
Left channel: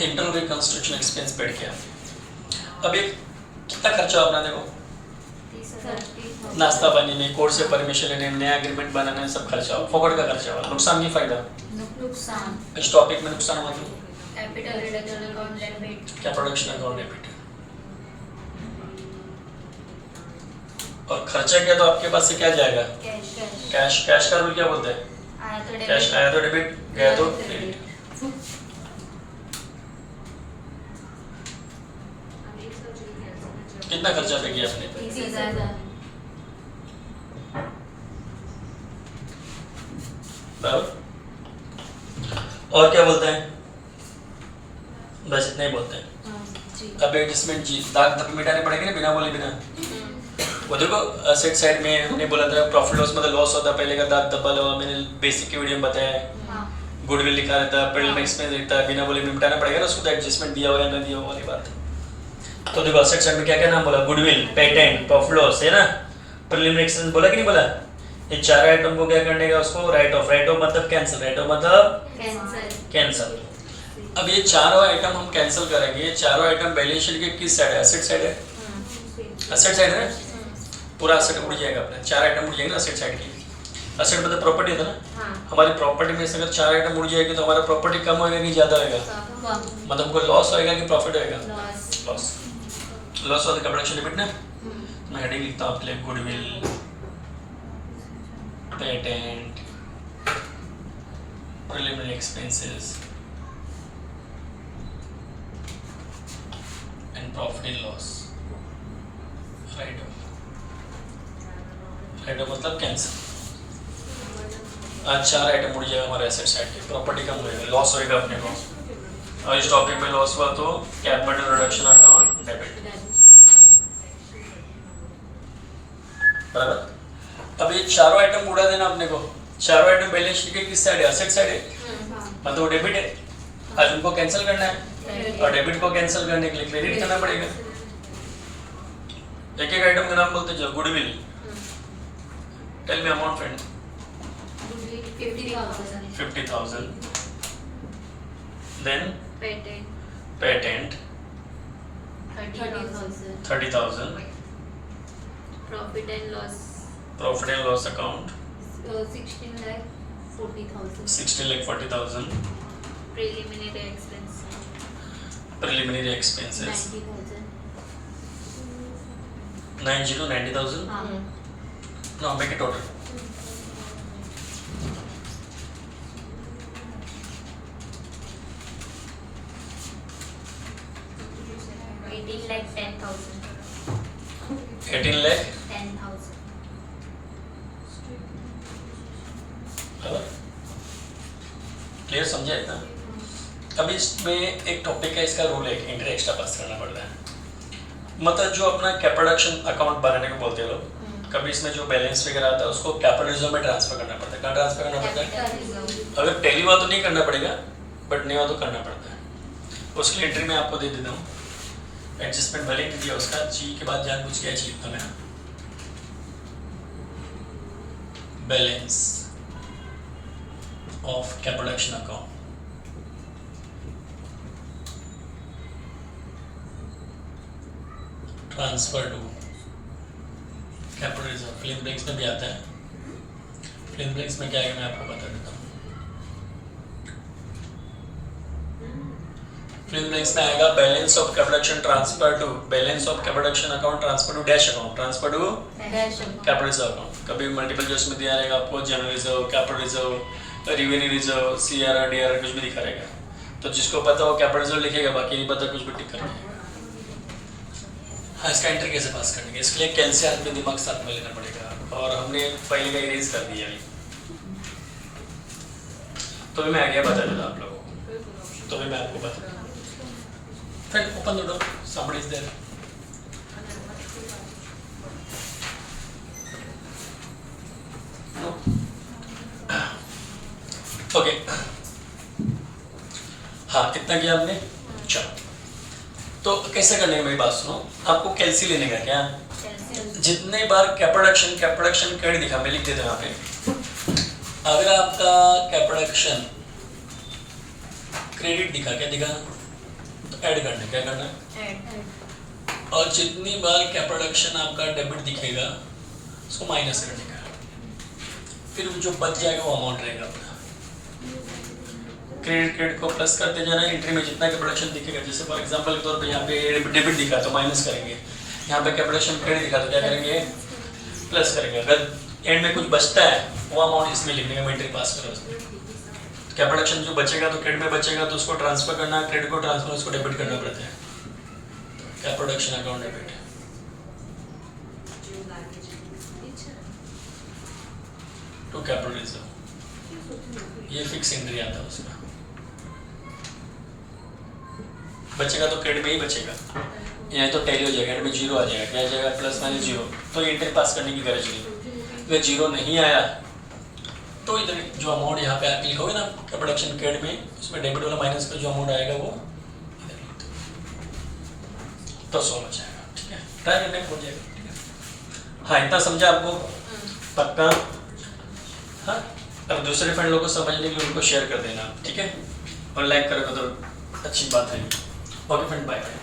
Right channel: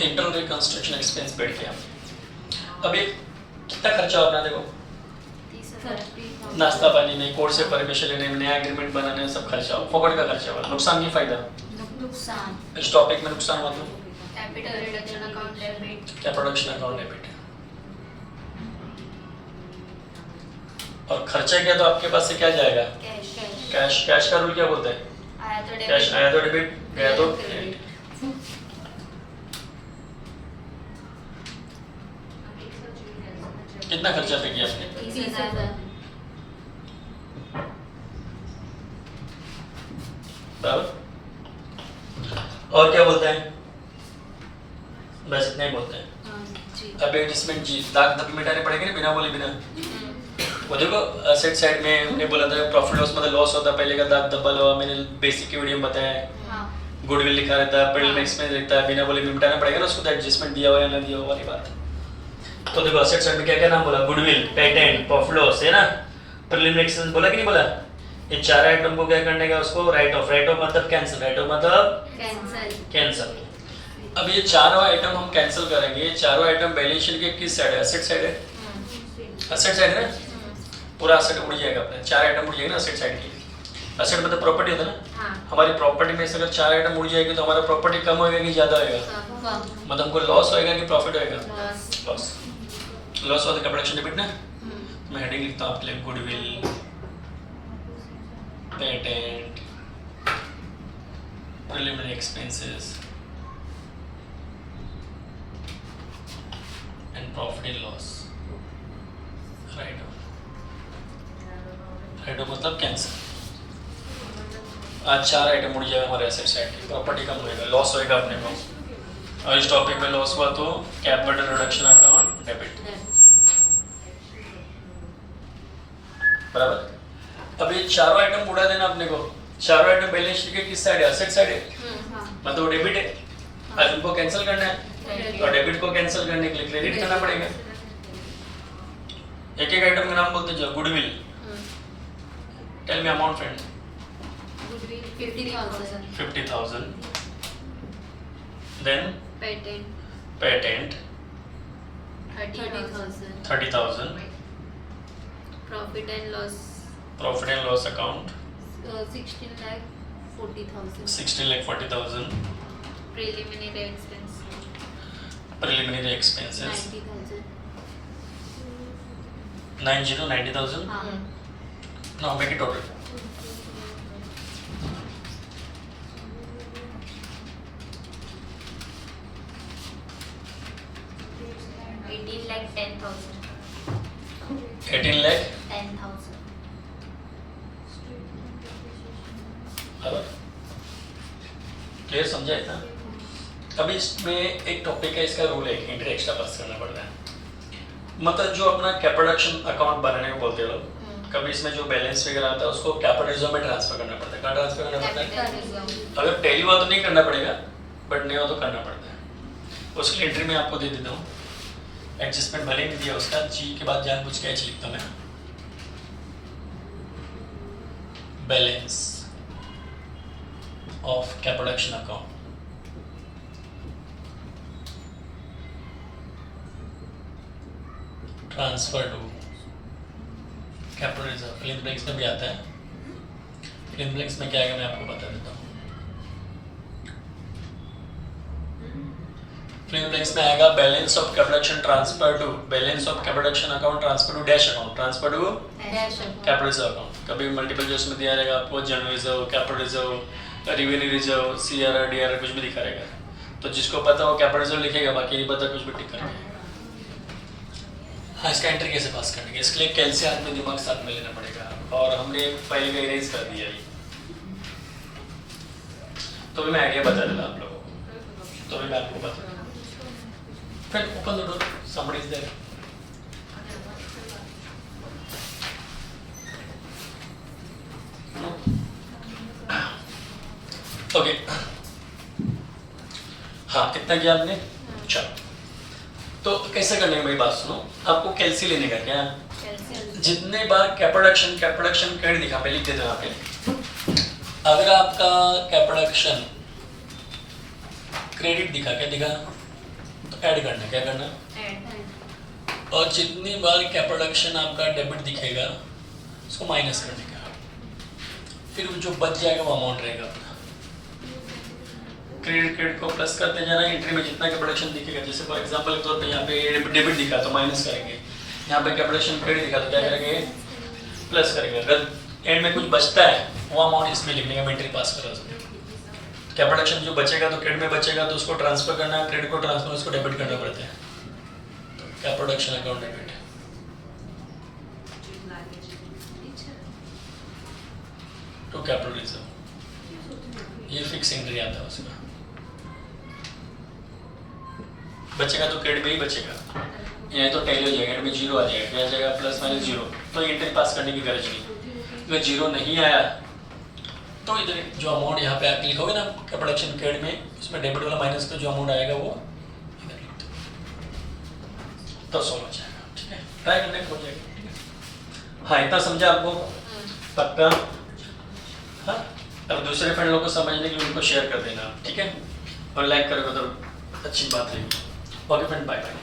इंटर रिकंस्ट्रक्शन एक्सपेंस पेड किया। अभी कितना खर्चा अपना देखो, नाश्ता पानी में, कोर्ट से परमिशन लेने में, नया एग्रीमेंट बनाने में, सब खर्चा हो, फोकट का खर्चा हुआ। नुकसान की फायदा? नुकसान। इस टॉपिक में नुकसान हुआ तो कैपिटल रिडक्शन अकाउंट डेबिट। क्या? Production account debit. और खर्चा किया तो आपके पास से क्या जाएगा? कैश। कैश का रूल क्या बोलते हैं? कैश आया तो डेबिट, गया तो क्रेडिट। कितना खर्चा पे किया आपने? 30,000। बराबर। और क्या बोलते हैं? बस इतना ही बोलते हैं। जी अब एडजस्टमेंट जी, दाग धब्बे मिटाने पड़ेंगे ना, बिना बोले बिना। वो देखो असेट साइड में हमने बोला था प्रॉफिट लॉस मतलब लॉस होता है, पहले का दाग धब्बा लगा, मैंने बेसिक की वीडियो में बताया है। हाँ गुडविल लिखा रहता है, प्रीलिम एक्सपेंस लिखता है, बिना बोले भी मिटाना पड़ेगा ना उसको, तो एडजस्टमेंट दिया हुआ है ना दिया हुआ वाली बात। तो देखो असेट साइड में क्या क्या नाम बोला, गुडविल, पेटेंट, प्रॉफिट लॉस है ना, प्रीलिम एक्सपेंस बोला कि नहीं बोला। ये चार आइटम को क्या करने का, उसको राइट ऑफ मतलब कैंसिल, राइट ऑफ मतलब कैंसल कैंसिल। अब ये चारों आइटम हम कैंसिल करेंगे। ये चारों आइटम बैलेंस शीट के किस साइड है? असेट साइड है। असेट साइड है ना, पूरा असेट उड़ जाएगा अपना, चार आइटम उड़ जाएंगे ना असेट साइड की। असेट मतलब प्रॉपर्टी होता है ना, हाँ हमारी प्रॉपर्टी में से अगर चार आइटम उड़ जाएगी तो हमारा प्रॉपर्टी कम होएगा कि ज़्यादा होएगा? कम मतलब हमको लॉस होएगा कि प्रॉफिट होएगा? Loss loss. लॉस होता है प्रोडक्शन डेबिट ना। मैं हेडिंग लिखता हूँ आपके लिए, goodwill, patent, preliminary expenses and profit and loss. Right of मतलब कैंसिल। आज चार आइटम उड़ जाएगा हमारे एसेट साइड की, प्रॉपर्टी कम होएगा, लॉस होएगा अपने को। और इस टॉपिक में लॉस हुआ तो कैपिटल रिडक्शन अकाउंट डेबिट, बराबर। अब ये चारों आइटम उड़ा देना अपने को। चारों आइटम बैलेंस शीट के किस साइड है? असेट साइड है, मतलब डेबिट है। आज उनको कैंसिल करना है और डेबिट को कैंसिल करने के लिए क्रेडिट करना पड़ेगा। एक एक आइटम का नाम बोलते जाओ। Goodwill, tell me amount friend. 50,000। Then patent 30,000। Profit and loss profit and loss account 16,40,000 16,40,000। Preliminary expense preliminary expenses 90,000 90,000। हाँ Now make it total. $18 lakh 10,000 बराबर। क्लियर समझा इतना? अब इसमें एक टॉपिक है, इसका रूल है कि इंटर एक्स्ट्रा पास करना पड़ता है। मतलब जो अपना कैपिटल अकाउंट बनाने को बोलते हैं लोग, कभी इसमें जो बैलेंस वगैरह आता है उसको कैपिटल रिजर्व में ट्रांसफर करना पड़ता है। कहाँ ट्रांसफर करना पड़ता है? अगर पहली बार तो नहीं करना पड़ेगा, बट नया तो करना पड़ता है। उसके लिए एंट्री में आपको दे देता हूँ। एडजस्टमेंट भले नहीं दिया उसका, जी के बाद जानबूझ के एच लिखता मैं। Balance of capital account transfer to capital reserve. Fill in blanks में भी आता है। फिल्म ब्लैंक्स में क्या आएगा मैं आपको बता देता हूँ। फिल्म ब्लैंक्स में आएगा balance of capital transfer to, balance of capital account transfer to dash account, transfer to capital reserve account. कभी मल्टीपल जो उसमें दिया रहेगा आपको, general reserve, capital reserve, revenue reserve, CRR DRR कुछ भी दिखा रहेगा। तो जिसको पता वो कैपिटल रिजर्व लिखेगा, बाकी नहीं पता कुछ भी टिक करेगा। हाँ, इसका एंट्री कैसे पास करने के, इसके लिए कैलसी हाथ में दिमाग साथ में लेना पड़ेगा, और हमने पहले का इरेज कर दिया अभी। तो भी मैं आइडिया बता दूंगा आप लोगों को, तो भी मैं आपको बता दूंगा। फिर open the door, somebody is there. Okay, हाँ कितना किया आपने? चलो, तो कैसे करने का मेरी बात सुनो। आपको कैलसी लेने का क्या, जितने बार कैपिटल क्रेडिट दिखा, मैं लिख देता हूँ यहाँ पे। अगर आपका कैपिटल क्रेडिट दिखा, क्या दिखा, तो ऐड करना, क्या करना। और जितनी बार कैपिटल आपका डेबिट दिखेगा उसको माइनस करने का, फिर जो बच जाएगा वो अमाउंट रहेगा अपना। क्रेडिट को प्लस करते जाना, एंट्री में जितना कैपिटल दिखेगा, जैसे फॉर एग्जांपल के तौर पे यहाँ पे डेबिट दिखा तो माइनस करेंगे, यहाँ पे कैपिटल क्रेडिट दिखा तो क्या करेंगे, प्लस करेंगे। अगर एंड में कुछ बचता है वो अमाउंट इसमें लिखने का, एंट्री पास करो उसमें। कैपिटल जो बचेगा तो क्रेडिट में बचेगा तो उसको ट्रांसफर करना, क्रेडिट को ट्रांसफर उसको डेबिट करना पड़ता है। Capital account debit to capital reserve. ये फिक्स एंट्री आता है उसका, बचेगा तो क्रेडिट में ही बचेगा, ये तो टैली हो जाएगा, क्रेडिट में जीरो आ जाएगा, क्या आ जाएगा प्लस माइनस जीरो, तो एंट्री पास करने की गरज नहीं। अगर जीरो नहीं आया तो इधर जो अमाउंट यहाँ पे आके लिखोगे ना प्रोडक्शन क्रेडिट में, उसमें डेबिट वाला माइनस का जो अमाउंट आएगा वो इधर लिख दो, तो 100 बच जाएगा। ठीक है, ट्राई करने हो जाएगा। ठीक है, हाँ इतना समझा आपको पक्का? हाँ, अब दूसरे फ्रेंड लोगों को समझने के लिए उनको शेयर कर देना। ठीक है, और लाइक करोगे तो अच्छी बात रहेगी। Okay friend, bye bye.